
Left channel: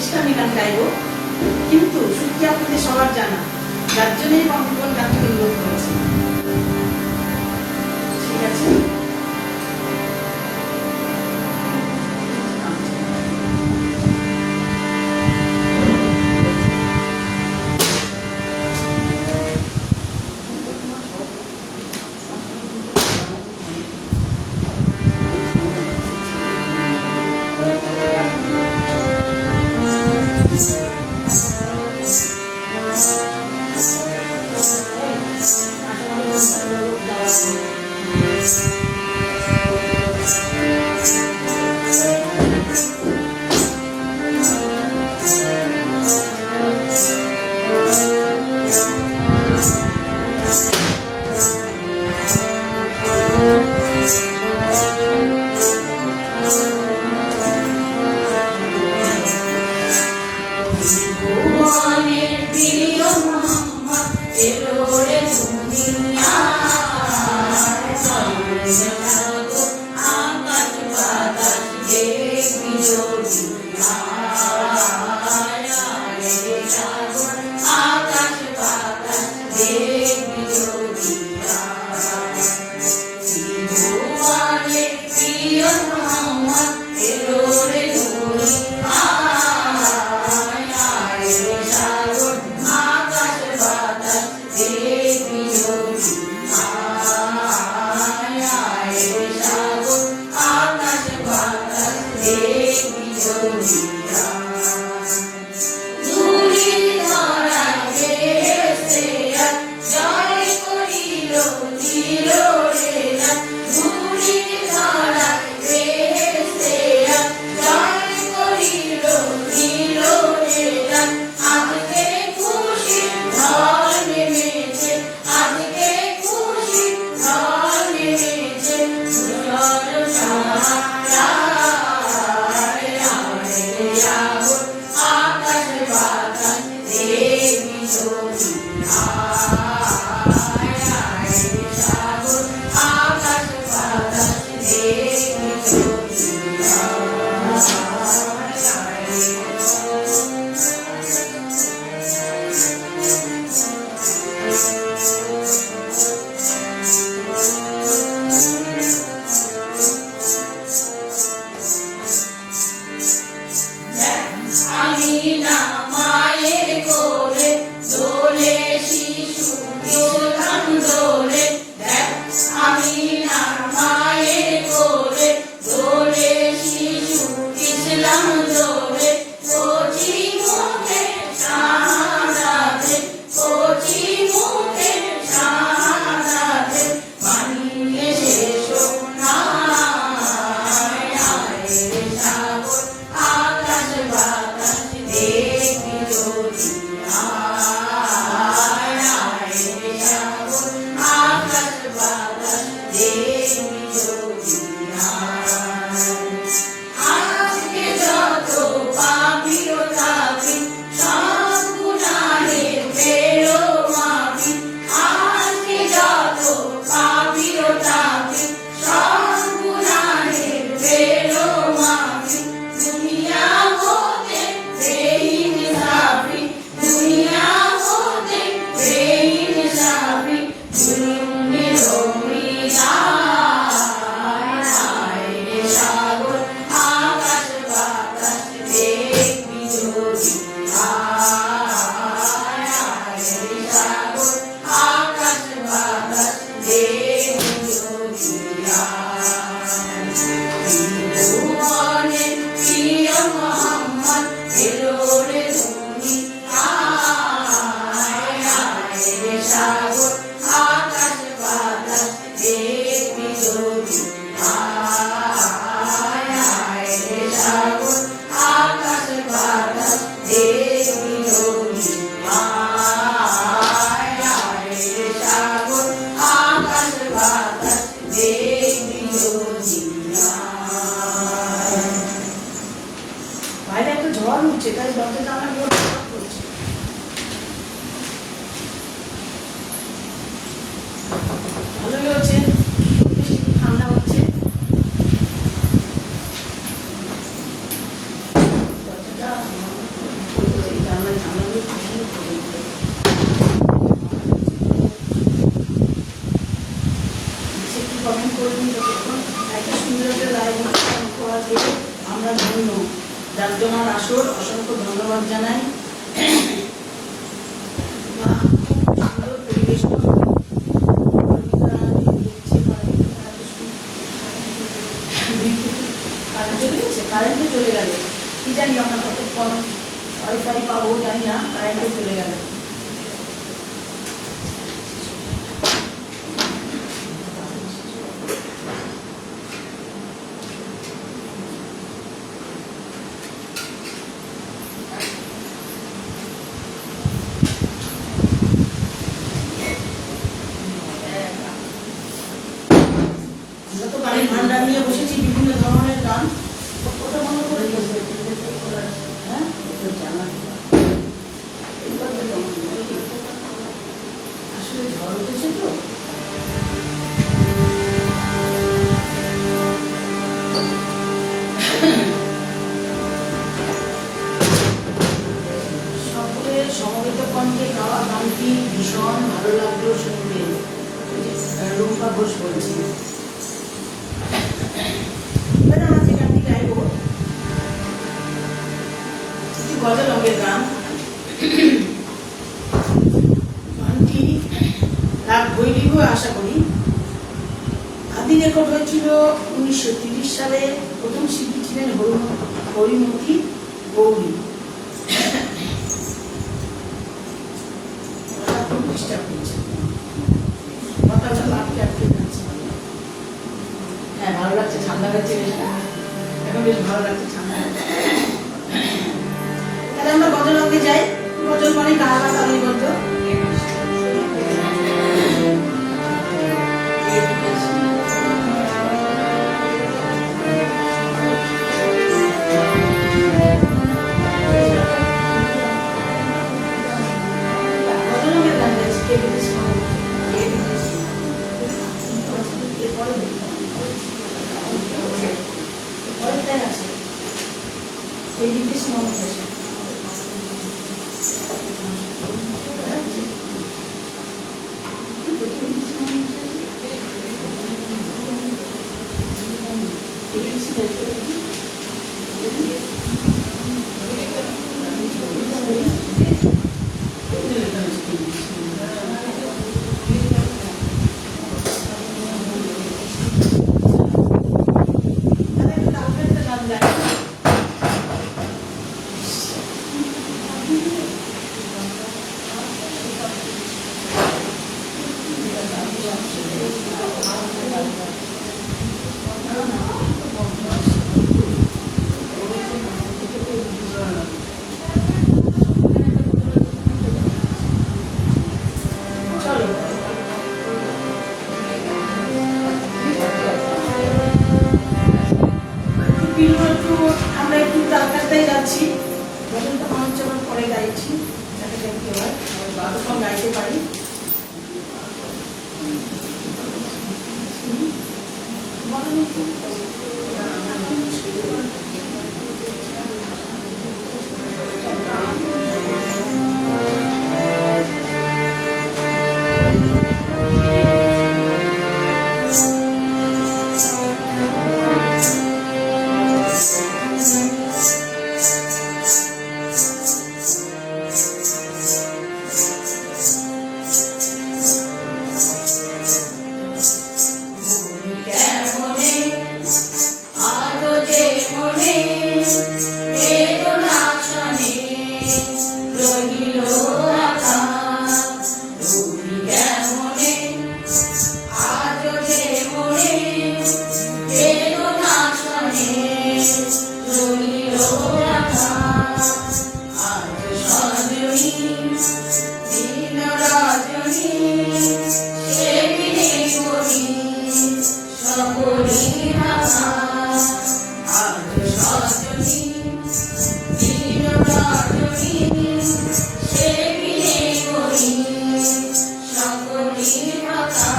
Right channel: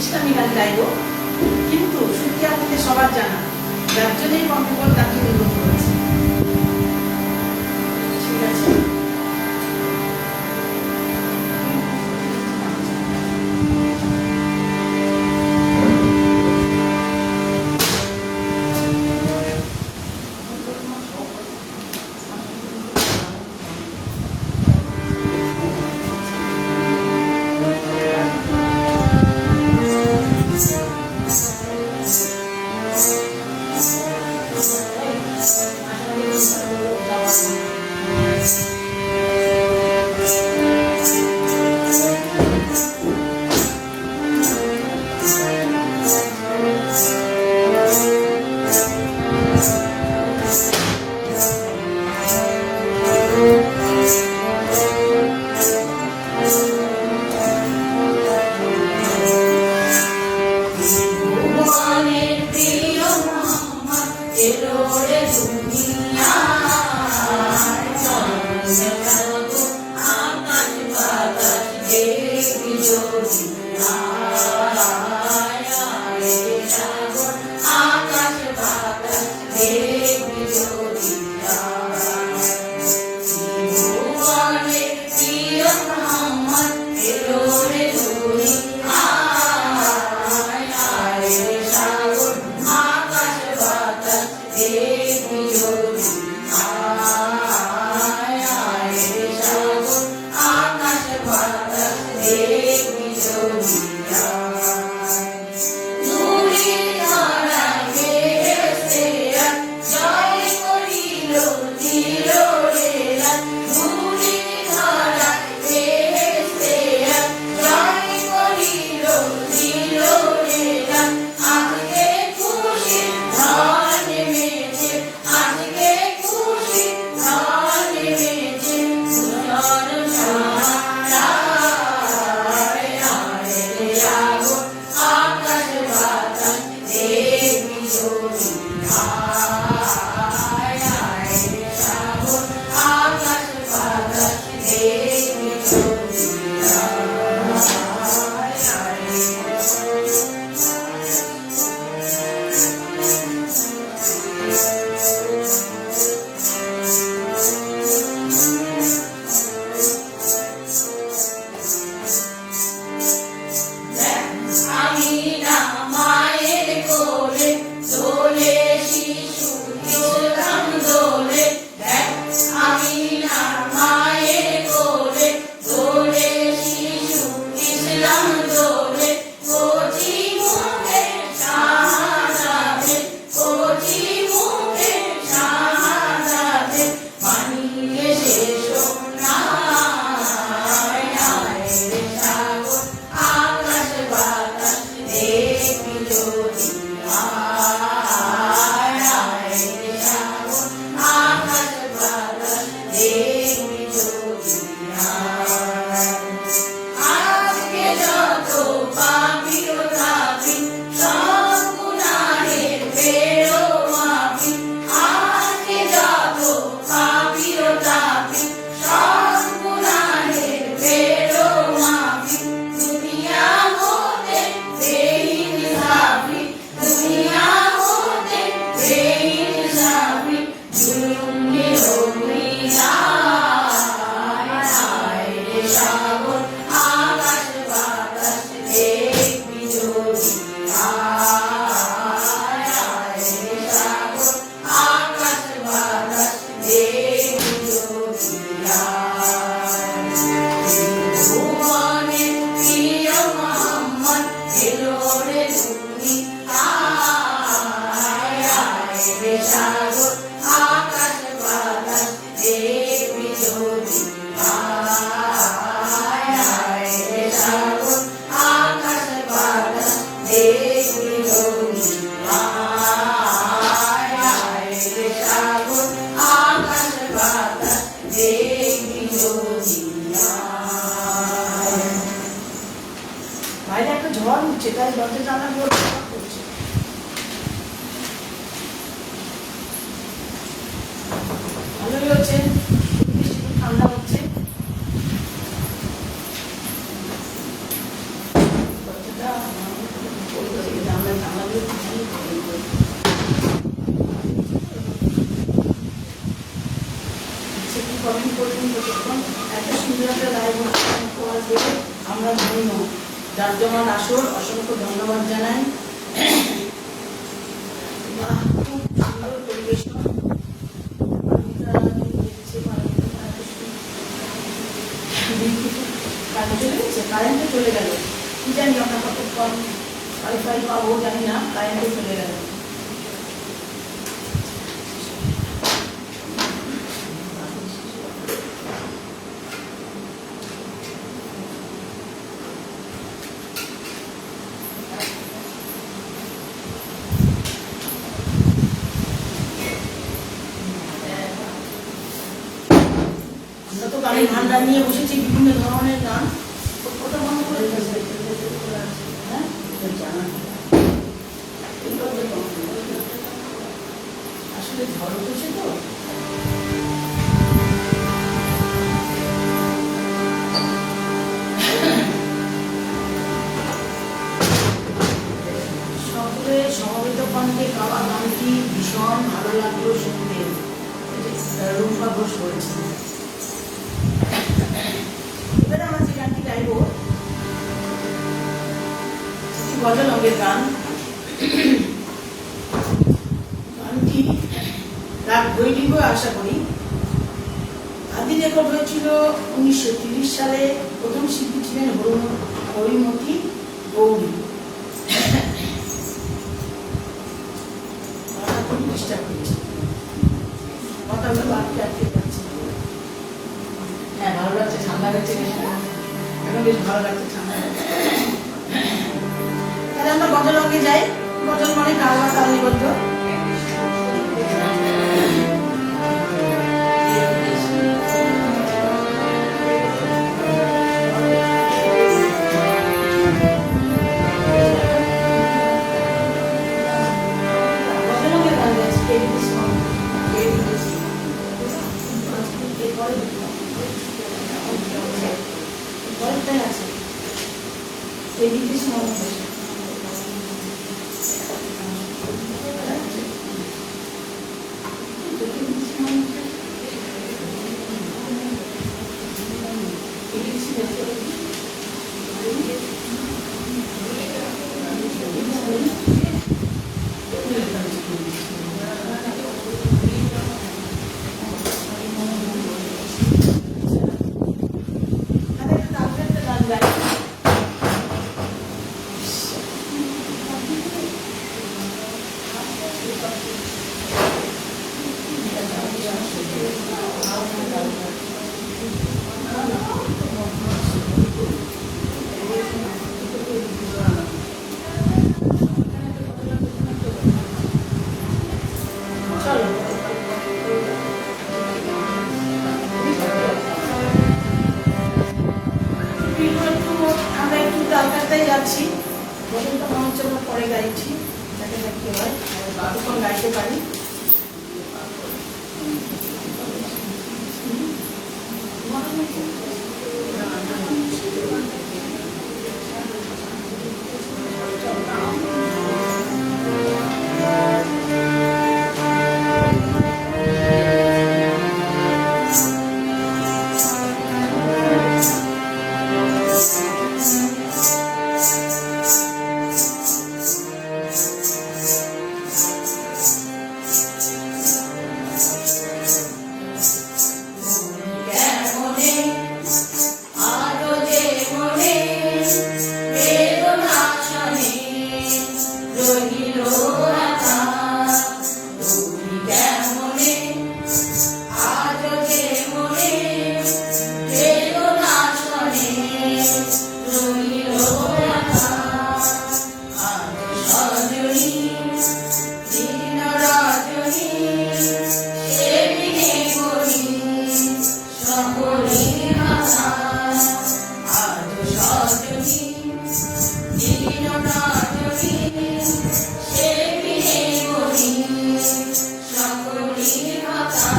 ইসলামী গান গাইব, কিন্তু শুনতে আপনাদের সবার জানা, যার জন্যই বঙ্গবন্ধু গানটি নির্বাচন করেছে। সেটা বিজলি আয় আয় রে সাগর আকাশ বাতাস দেখ বিজলি আয় আয় রে সাগর আকাশ বাতাস দেখ বিজলি আয়। বাইরে একটা ঝড় উঠছে, তার দরজা জানা পড়ছে। ভালোই হচ্ছে, বৃষ্টি ঠান্ডা হচ্ছে। আমরা ধন্য, যার জন্য আসর অসংখ্য ধন্যবাদ জানাই। কারেন্টে চলে গেল, কি জানি আমরা কতক্ষণ ওয়াইফাই পাবো জানি না, কারেন্টে চলে গেল। আমরা তো গানের ভান্ডার নিয়ে বসেছি, বিভিন্ন ধরনের গান। কতটা মনে করে হ্যাঁ আসলে ঝড় উঠেছে তো, সকলের সমবেত কণ্ঠে গাওয়া গানটি ভীষণ ভালো লাগলো শুনতে। রুম্পা ঘোষ বলছি। এবার আমরা যে গানটি গাইব একটি গজলকের গান। গানটি রাগ বৈদিক আশা করি। আদি রেকর্ড হয়েছিল 1930 সালে। প্রথম শিল্পী ছিলেন হরিমতি গৌরী। চেষ্টা করছি, কথাটা আটকে আটকে যাচ্ছে। হ্যাঁ, ভালো লাগছে, ঠান্ডা লাগছে, এখন বেশ ভালো লাগছে ঠান্ডা। তাহলে আমরা গজলকে যাই। গজল মানে কারা তাদের গল্প। যাচ্ছি, পরে গাইছি, গাইতে পারি। সকলি ভাষা আজ সজনী দীন রজনী সে বিনে করি সকলি ভাষা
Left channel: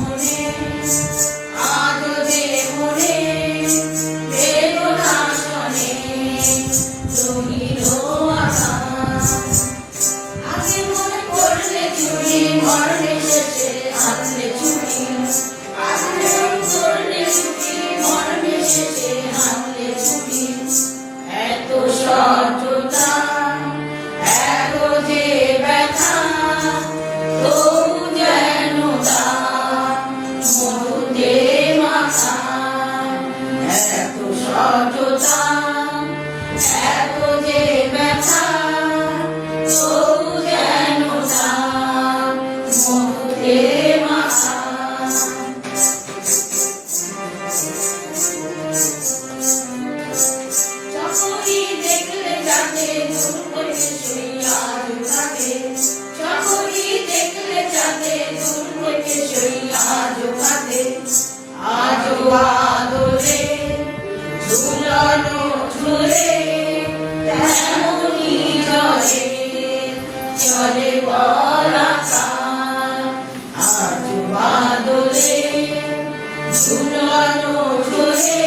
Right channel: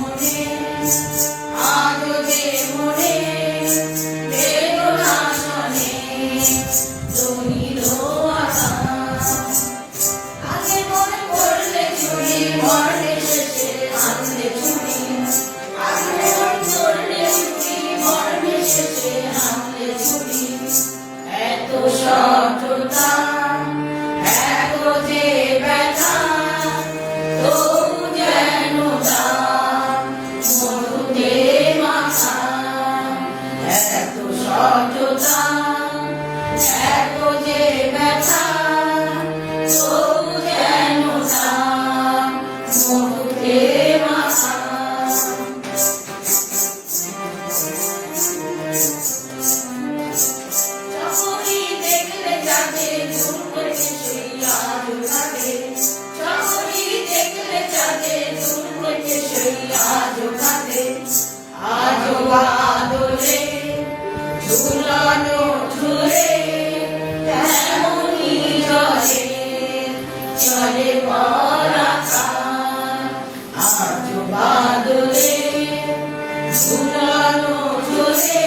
মনে আজ যে মনে বেদনাশনে রহিল আশা আগে মনে করলে চুরি মরণে শেষে হাতলে চুরি আগে করলে চুরি মরণে শেষে হাতলে চুরি এত সহজতা এত যে ব্যথা তবু যেন মরুদে মাথা এত সহজতা এত যে ব্যথা তবু যেন মরুদে মাথা সকলি দেখলে যাকে দূর করে সেই আজ কাটে সকলি দেখলে যাকে দূর করে সেই আজ কাটে আজ বাদলে ঝুলানো ঝুলে এমনই রহে চলে পরাকা আজ বাদলে ঝুলানো ঝুলে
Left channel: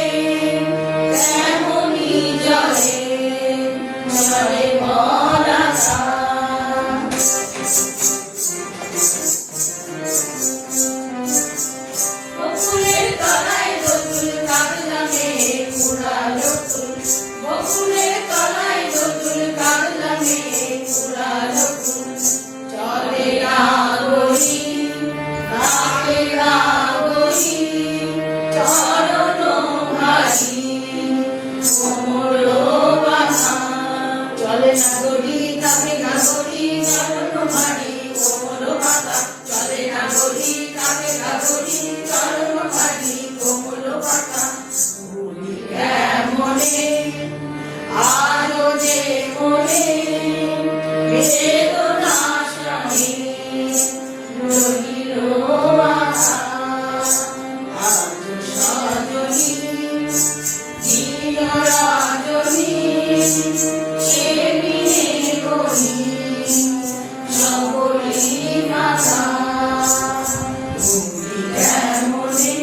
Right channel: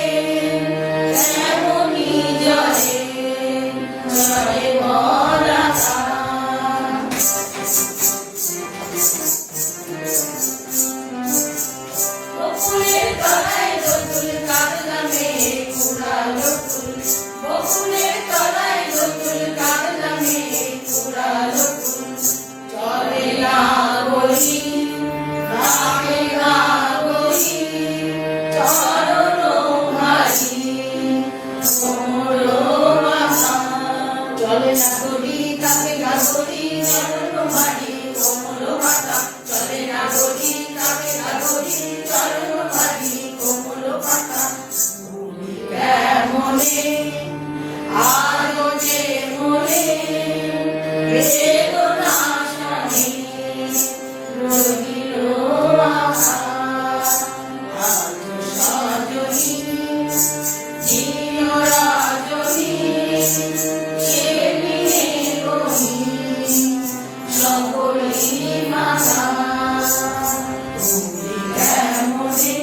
এমনই জলে চলে পরাকা বকুলের তলায় রতুল কাগলামে কুড়ালো ফুল বকুলের তলায় রতুল কাগলামে কুড়ালো ফুল চলে না গলি ডাকে না গলি চরণ ভাসি কোমর বাধা চলে না গলি কাকে না গলি চরণ ভারী কোমর বাধা চলে না গলি কাকে না গলি চরণ ভারী কোমর বাধা মনে আরো যে মনে বেদনাশনে রহিল আশা আজ সজনী দীন রজনী সে বিনে করি সকলি ভাষা ভুলি কেমনে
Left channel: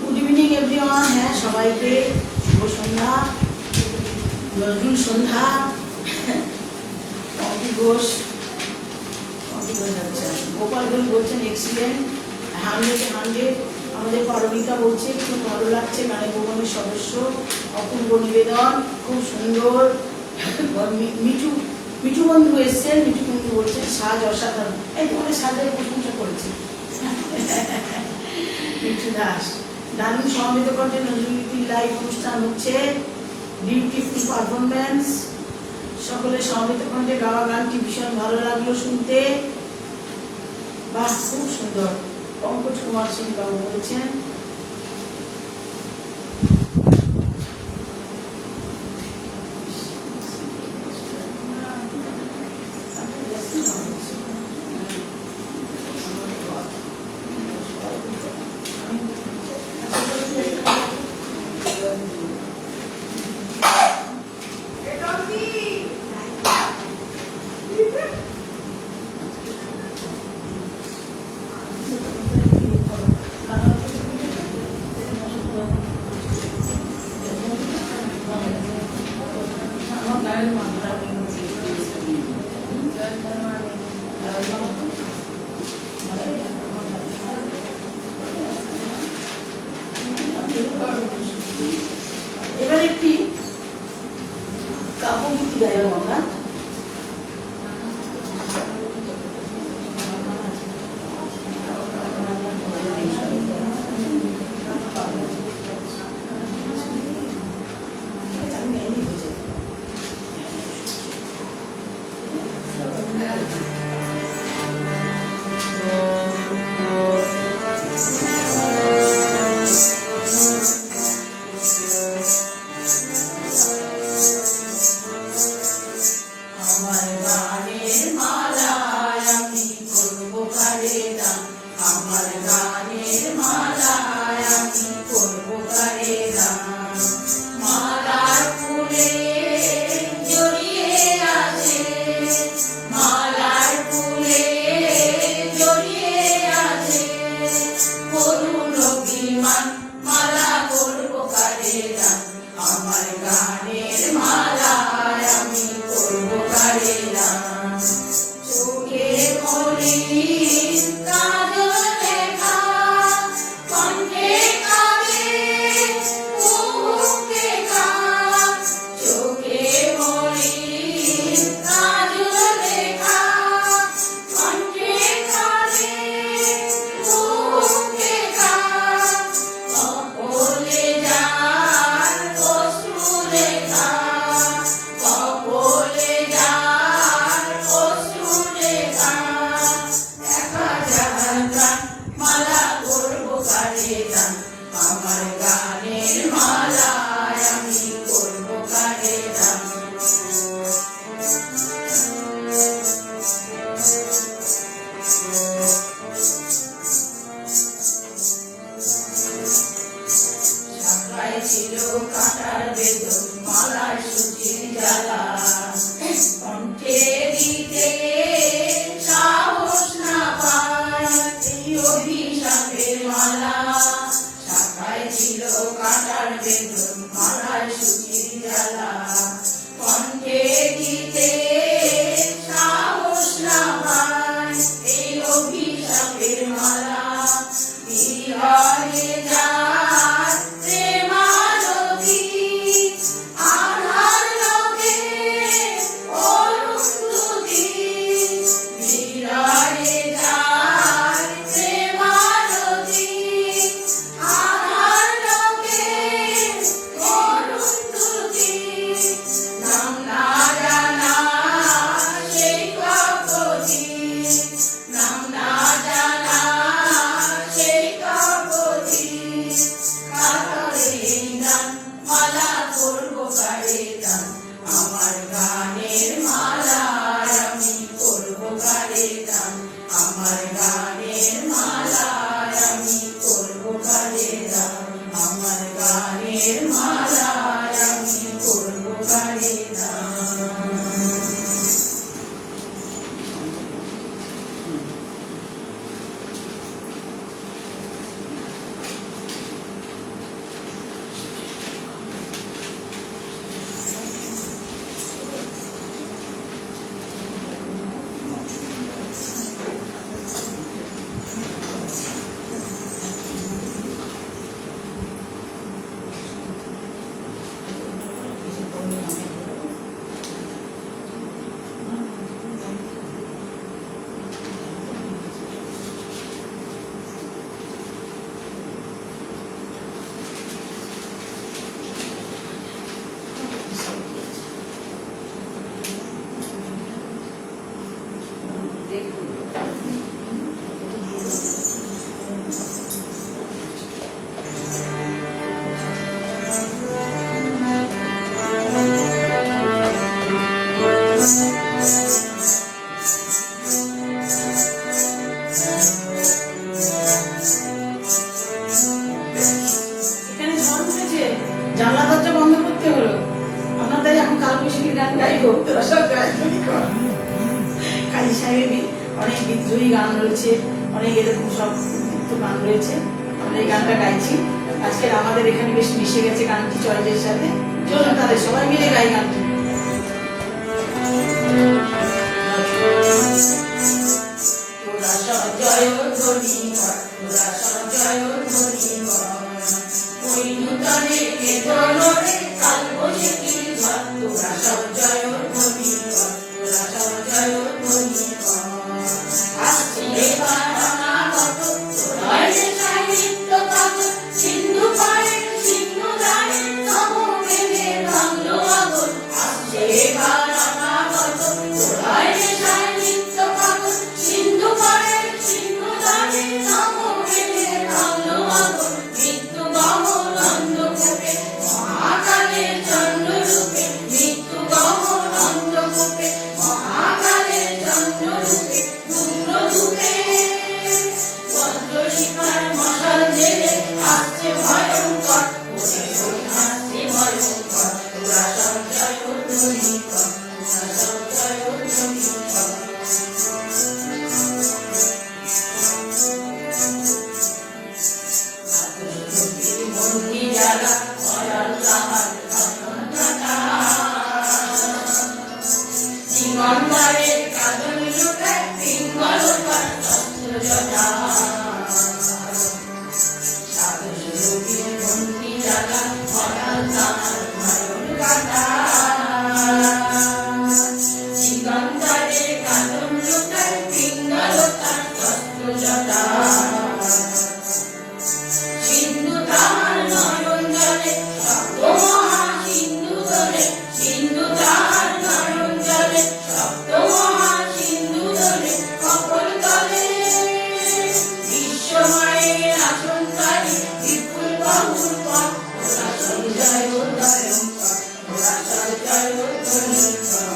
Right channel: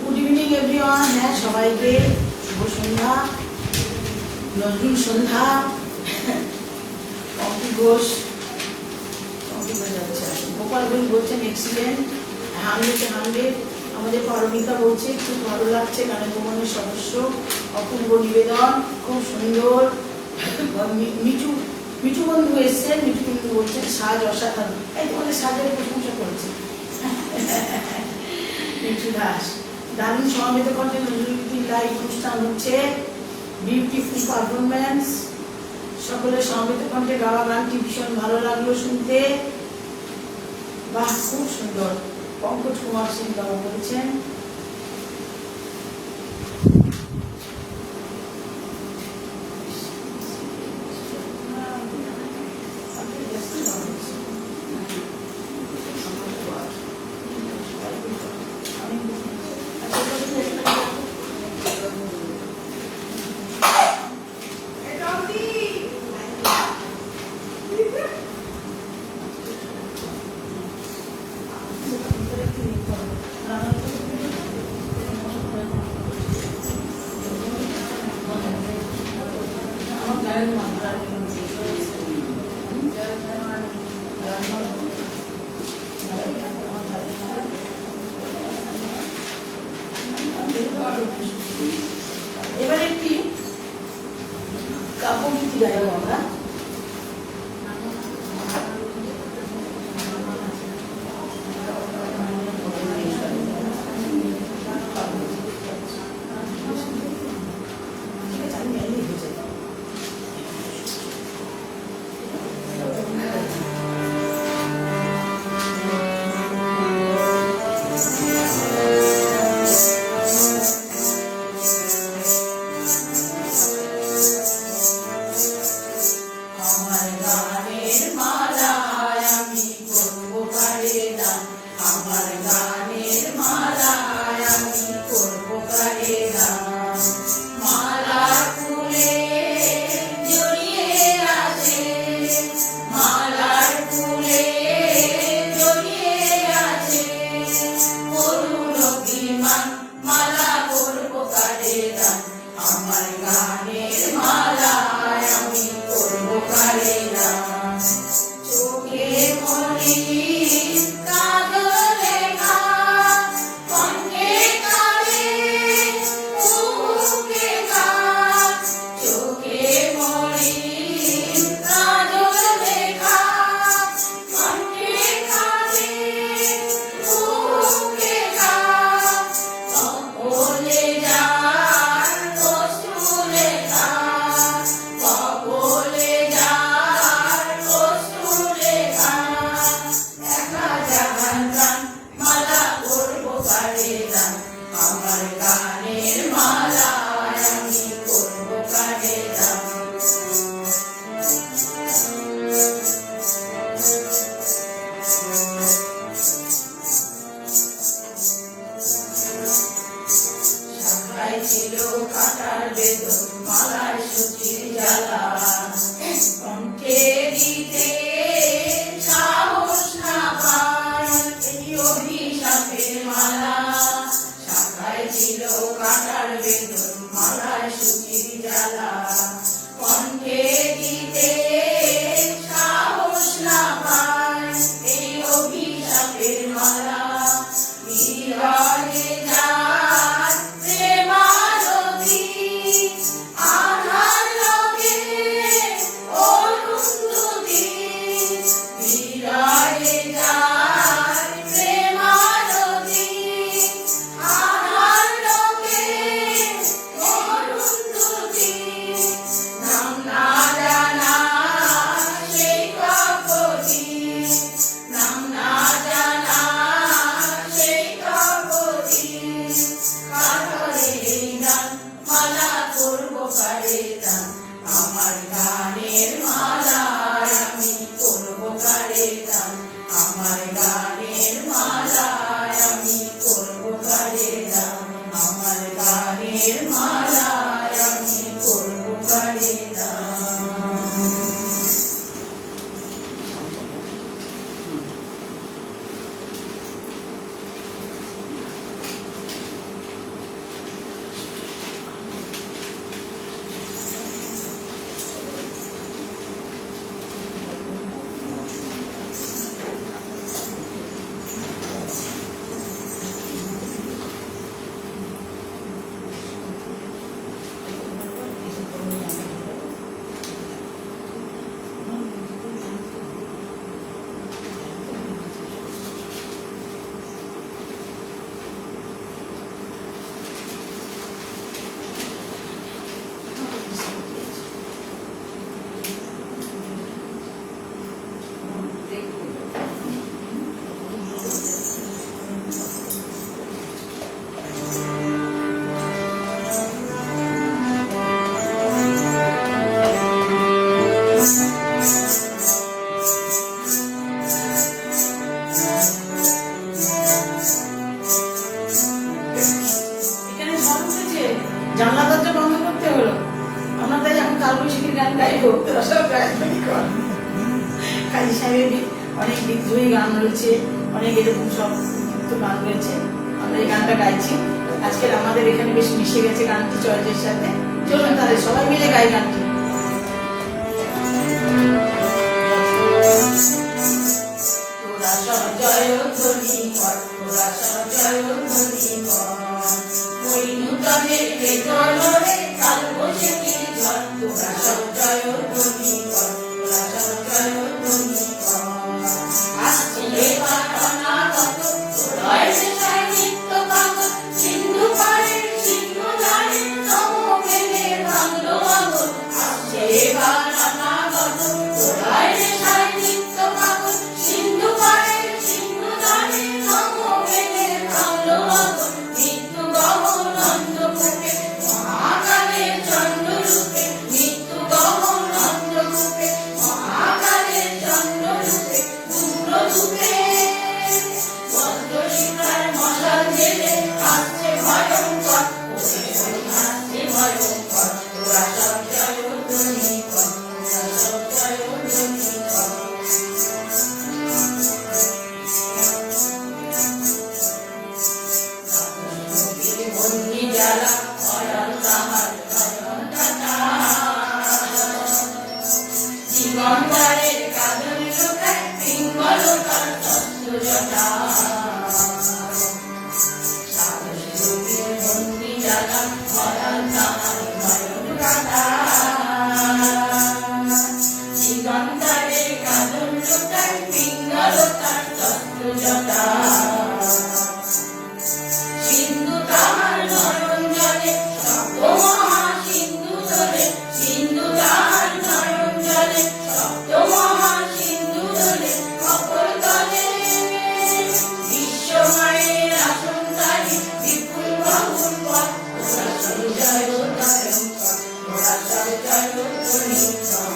গুড ইভিনিং এভরিওয়ান। হ্যাঁ, সবাইকে শুভ সন্ধ্যা, নজরুল সন্ধ্যা। অঙ্কি ঘোষ গোপাল ঘোষ বলছেন এক্সিলেন্ট, 100 আমাদের পারমিতা বলছে খুব ভালো লাগছে, গানের ভবনের সদস্য, অপূর্ব নিবেদন, খুব সুন্দর। মিঠু মিঠু বন্ধু এসছেন, মিঠু বন্ধু বলছেন সাজ অসাধারণ। এই তোমাদের সাজের প্রশংসা করেছে মিঠু দাস। দারুণ সমবেত কণ্ঠে নজরুলগীতির লাইভ অনুষ্ঠান হচ্ছে, বিউটিফুল পারফরমেন্স। সকলের সমবেত কণ্ঠে গাওয়া গানটি ভীষণ ভালো লাগলো শুনতে, বাহ খুব সুন্দর। অঙ্কুশ কুমার সিং বাবু বলছেন অনেক বিদ্রোহী গান রয়েছে, অনেক এরকম সব গান রয়েছে। আমরা এই গানটা গাইছি। আজকে আমাদের এখানে বেশি মিশে গেছে গানটি চর্চের সাথে। চলুন তাহলে সবাই মিলে গাই গানটি। তোরা সজয় ধ্বনি কর, তোরা সজয় ধ্বনি কর, ওই নূতনে বেদনরে কাল বসে কি ঘর। তোরা সজয় ধ্বনি কর, তোরা সজয় ধ্বনি কর। আসছে এবার অনাগত তোরাই নেশায় নিত্য পাগল, সিন্ধু পাড়ের সিন্ধু রানী নব প্রেমে ভাঙলো আগল। আসছে এবার অনাগত তোরাই নেশায় নিত্য পাগল, সিন্ধু পাড়ের সিন্ধু রানী নব প্রেমে ভাঙলো আগল। মৃত্যু গহন অন্ধকূপে মহাকালের চন্দ্ররূপে, মৃত্যু গহন অন্ধকূপে মহাকালের চন্দ্ররূপে, পূর্ণরূপে বজ্রশিখার মশাল জেলে আসছে ভয়ঙ্কর, আসছে ভয়ঙ্কর। তোরা সঞ্চয় ধ্বনি কর, তোরা সঞ্চয় ধ্বনি কর। বন্দি জ্বালা ভয়াল তাহার কাঁদন কাটা, জীবনদারের কাঁদন লুটায় পিঙ্গলতার অস্ত্র জটা। বন্দি জ্বালা ভয়াল তাহার কাঁদন কাটা, জীবনদারের কাঁদন লুটায় পিঙ্গলতার অস্ত্র জটা। সিন্ধু তাহার নয়ন জলে সপ্ত মহা সিন্ধু দলে, সিন্ধু তাহার নয়ন জলে সপ্ত মহা সিন্ধু দলে, অপর দলে বিশ্বমায়ের আসনকারী বিপুল বাহুর পথ। তোরা সঞ্জয় ভয়ঙ্কর, তোরা সঞ্জয় ধ্বনি কর।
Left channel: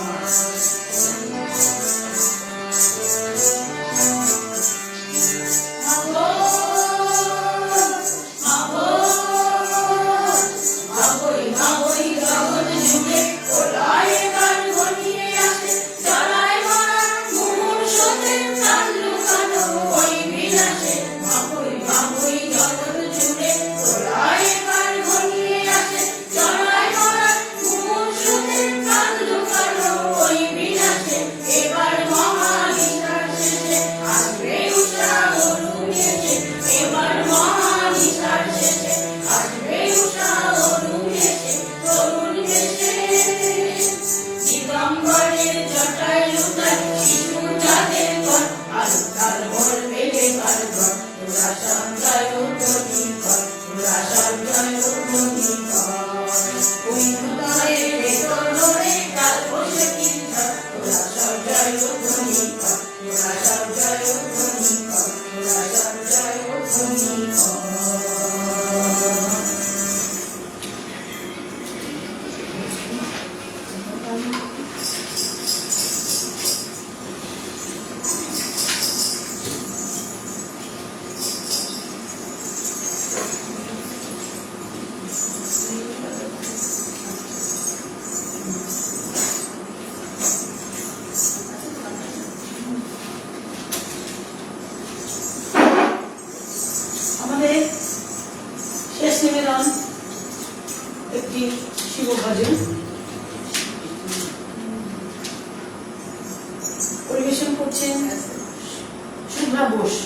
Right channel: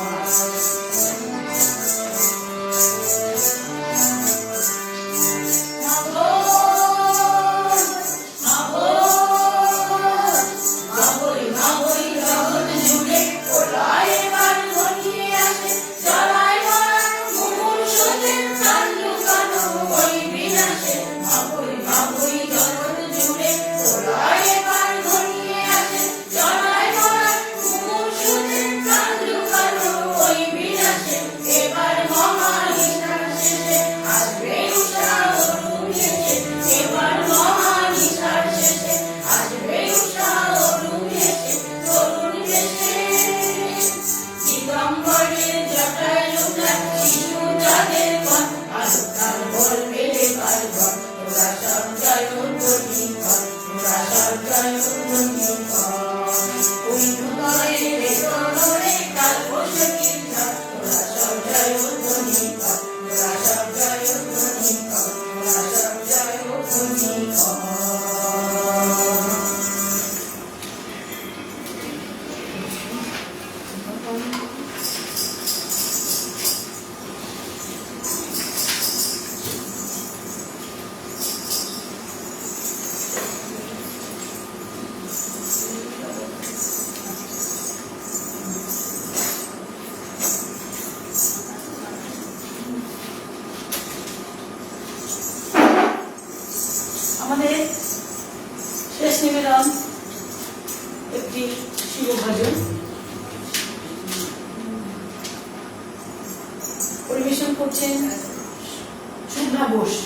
আমাদের শেষ নিবেদন একটি শিব ভজন পরিবেশন করছেন শুভ্রা বোস।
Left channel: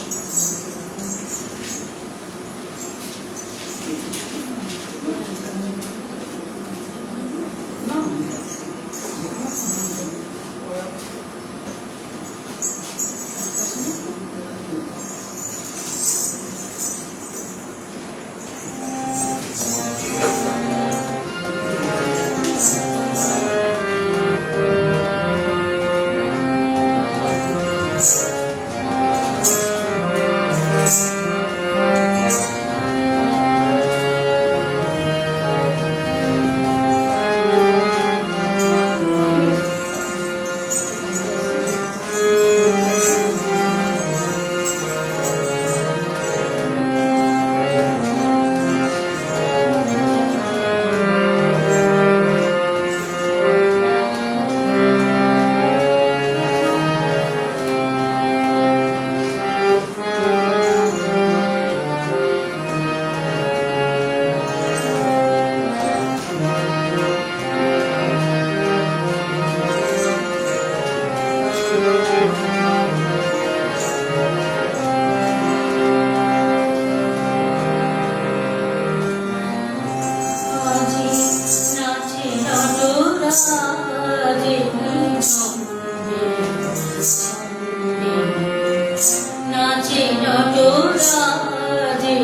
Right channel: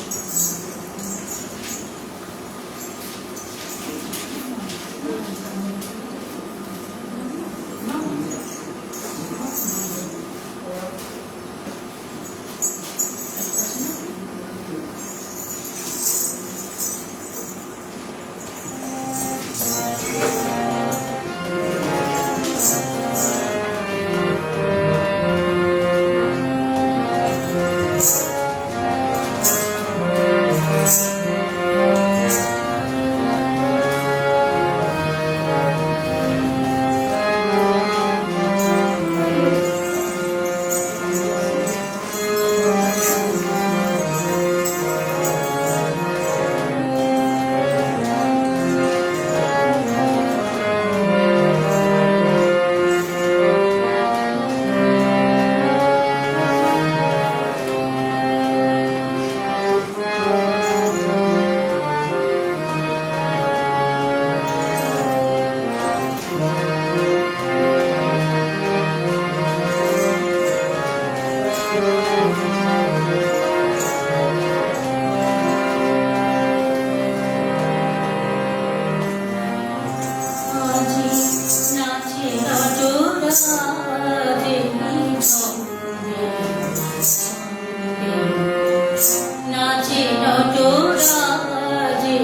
নাচে নটরাজে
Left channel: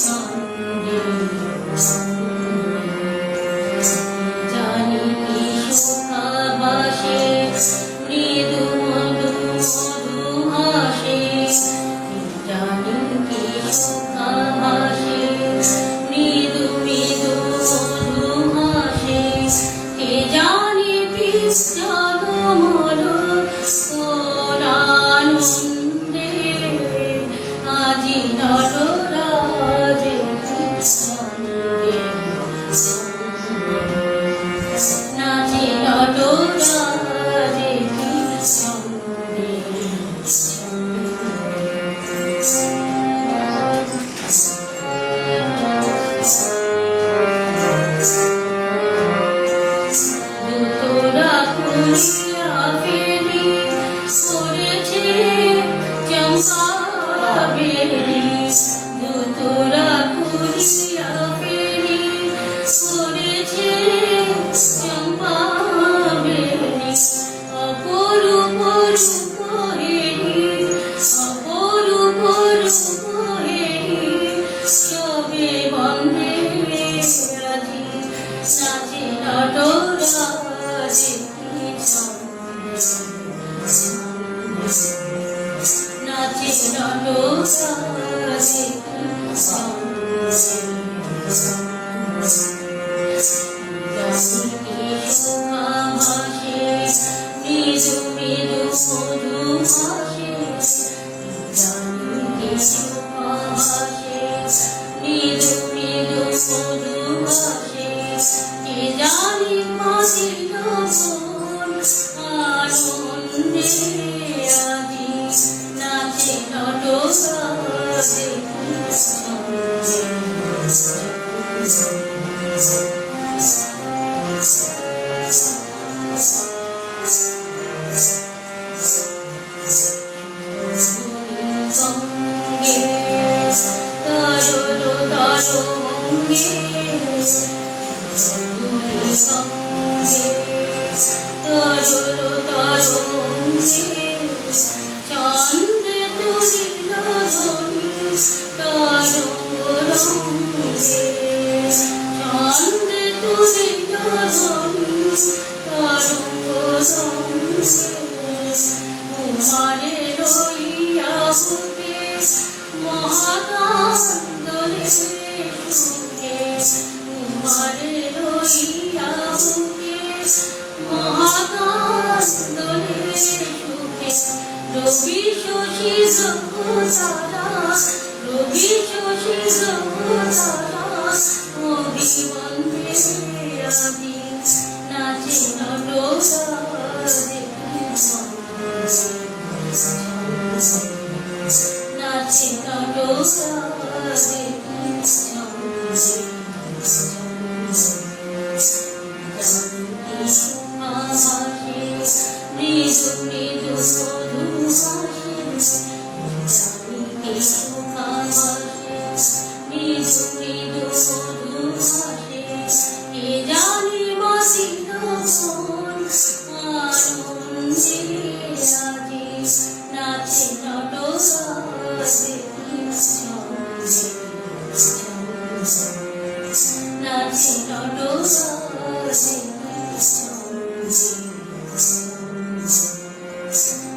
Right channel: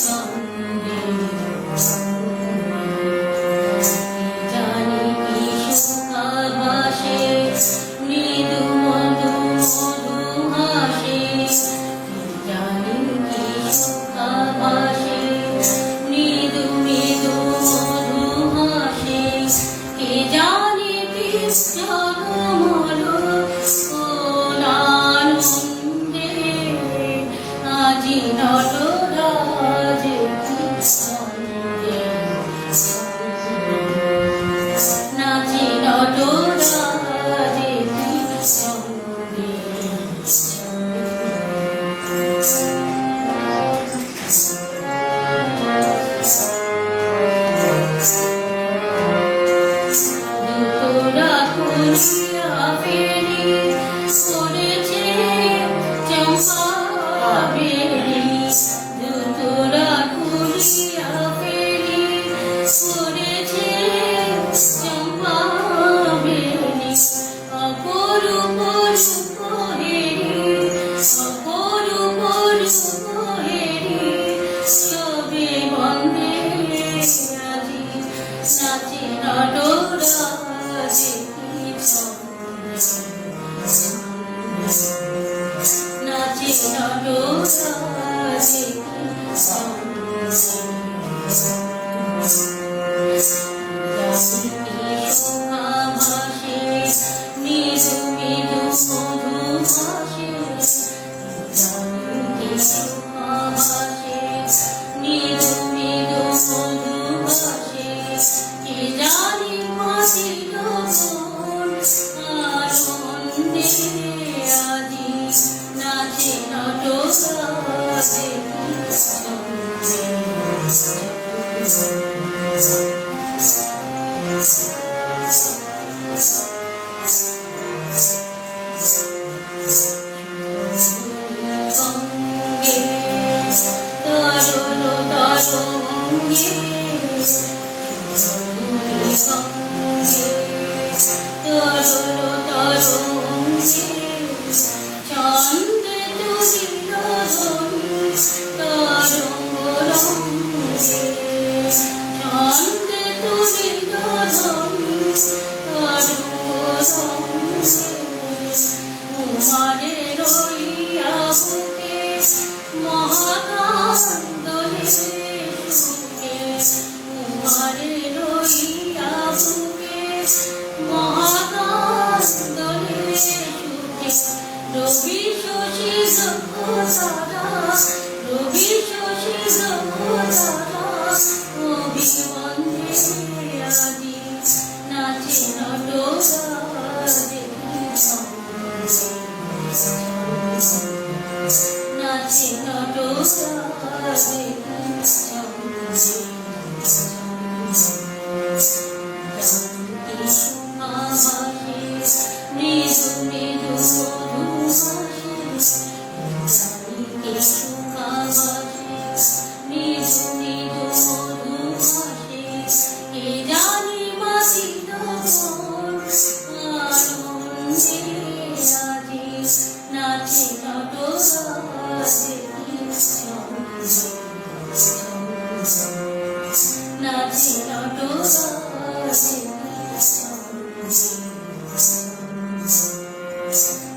সঙ্গে জানি কি সুখাভাসে মৃদু মধু মধু হাসে জানি কি সুখাভাসে মৃদু মৃদু মধু হাসে কে জানি বিশ্বমল আনন্দে আজি নটরাজে সঙ্গে নাচে নটরাজে সঙ্গে দুটোরা খুলিয়া ফেরি সরেছে চম্পা বেরি দুটোরা খুলিয়া ফেরি সরেছে চম্পা বেরি অপরূপ রূপ হেরি অপরূপ রূপ হেরি সবে বন্দে রাজি নাচে নটরাজে নাচে নটরাজে মৃদু মৃদু মধু হাসে মৃদু মৃদু মধু হাসে কে জানি মাসিল আনন্দে আজি নাচে নটরাজে সঙ্গে তরল তরঙ্গে সঙ্গে তরল তরঙ্গে চন্দ্রে তুলিল ধরি তরঙ্গ রঙ্গে চন্দ্রে তুলিল ধরি তরঙ্গ রঙ্গে কুমারে রইয়া বুকে মহাকান্দলে সুখে কুমারে রইয়া বুকে মহাকান্দলে সুখে রবি শশী সহসারা রবি শশী সহসারা অভিমন্ত্রে আদি নাচে নটরাজে নাচে নটরাজে মৃদু মৃদু মধু হাসে মৃদু মৃদু মধু হাসে কে জানি মাসিল আনন্দে আজি নাচে নটরাজে নাচে নটরাজে নাচে নটরাজে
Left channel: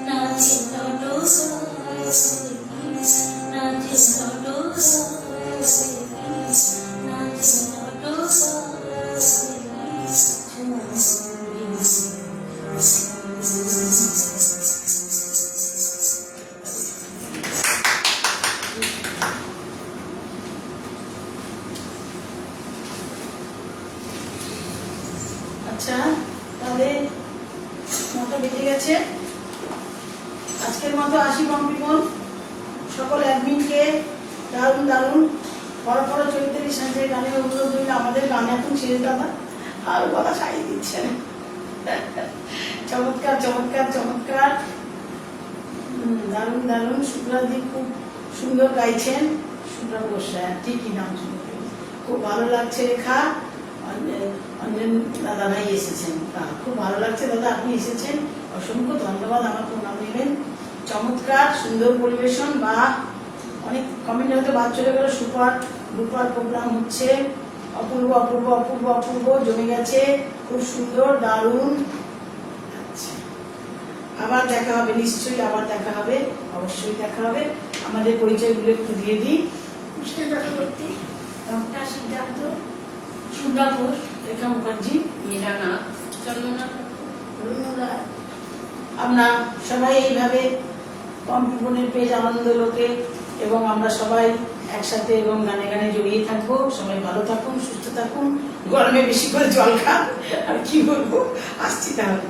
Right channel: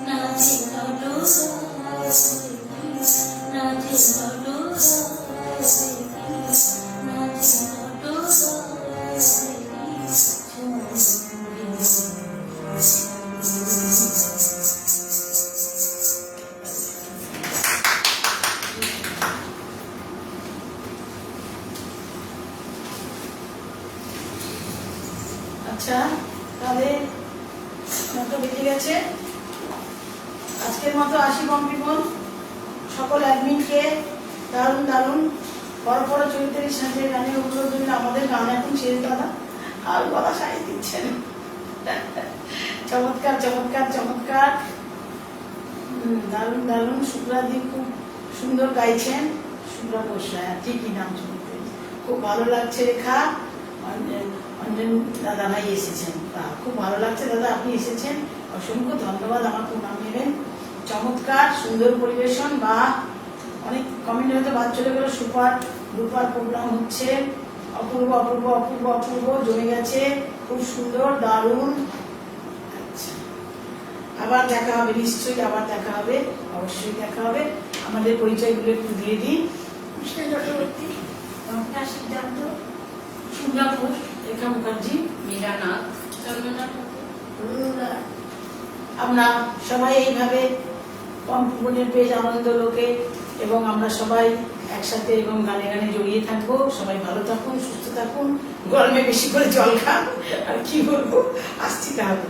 নাচে নটরাজে নাচে আচ্ছা, তাহলে মতো বেঁচে গেছে। আজকের মতো আসি কম্পিপন। সকল অ্যাডমিনকে দারুণ দারুণ বড় বড় চৈতালি সাজে গানের অনুরোধ রইল। আমাদের গান এখন ছেড়ে দাদা আর গলা সারিয়ে দিচ্ছেন। চমৎকার চমৎকার চমৎকার, দারুণ দারুণ। শুভ্রাদি খুব সুন্দর গাইছেন। শুভ্রা বসরা ঠিকই নাম, খুব ভালো লাগছে। রেখা অঞ্জন দাদারাই এসেছেন, খুব ভালো লাগছে দাদা আপনি এসেছেন, অসংখ্য ধন্যবাদ। আমার প্রণাম নেবেন। চমৎকার সুন্দর পরিবেশন বা অনেক কমেন্ট হয়তো বাদ চলে গেল। সুপার ডুপার প্রোগ্রাম হচ্ছে, অপূর্ব অপূর্ব অপূর্ব অপূর্ব, জমে গেছে, খুব সুন্দর, দারুণ। আচ্ছা, আবার দেখা হবে, নিশ্চয়ই আবার দেখা হবে, অবশ্যই দেখা হবে। আমাদের পরিচয়গুলো একটু দিয়ে দিই। কৃষ্ণ চক্রবর্তী, রমনা সিদ্ধান্ত, সুন্দরপুর, রেখা মুখার্জি, মীরানাথ, চন্দ্রনাথ ঠাকুর, আমরা সবাই এইভাবে কম্পনের পেজ আনন্দ লোকে এবং আমরা সবাই একসাথে এবং গানে গানে জড়িয়ে থাকবো। সবাই ভালো থাকুন, সুস্থ থাকুন, গরমে বেশি করে জল খান। আর কি বলবো, আসছি তাহলে।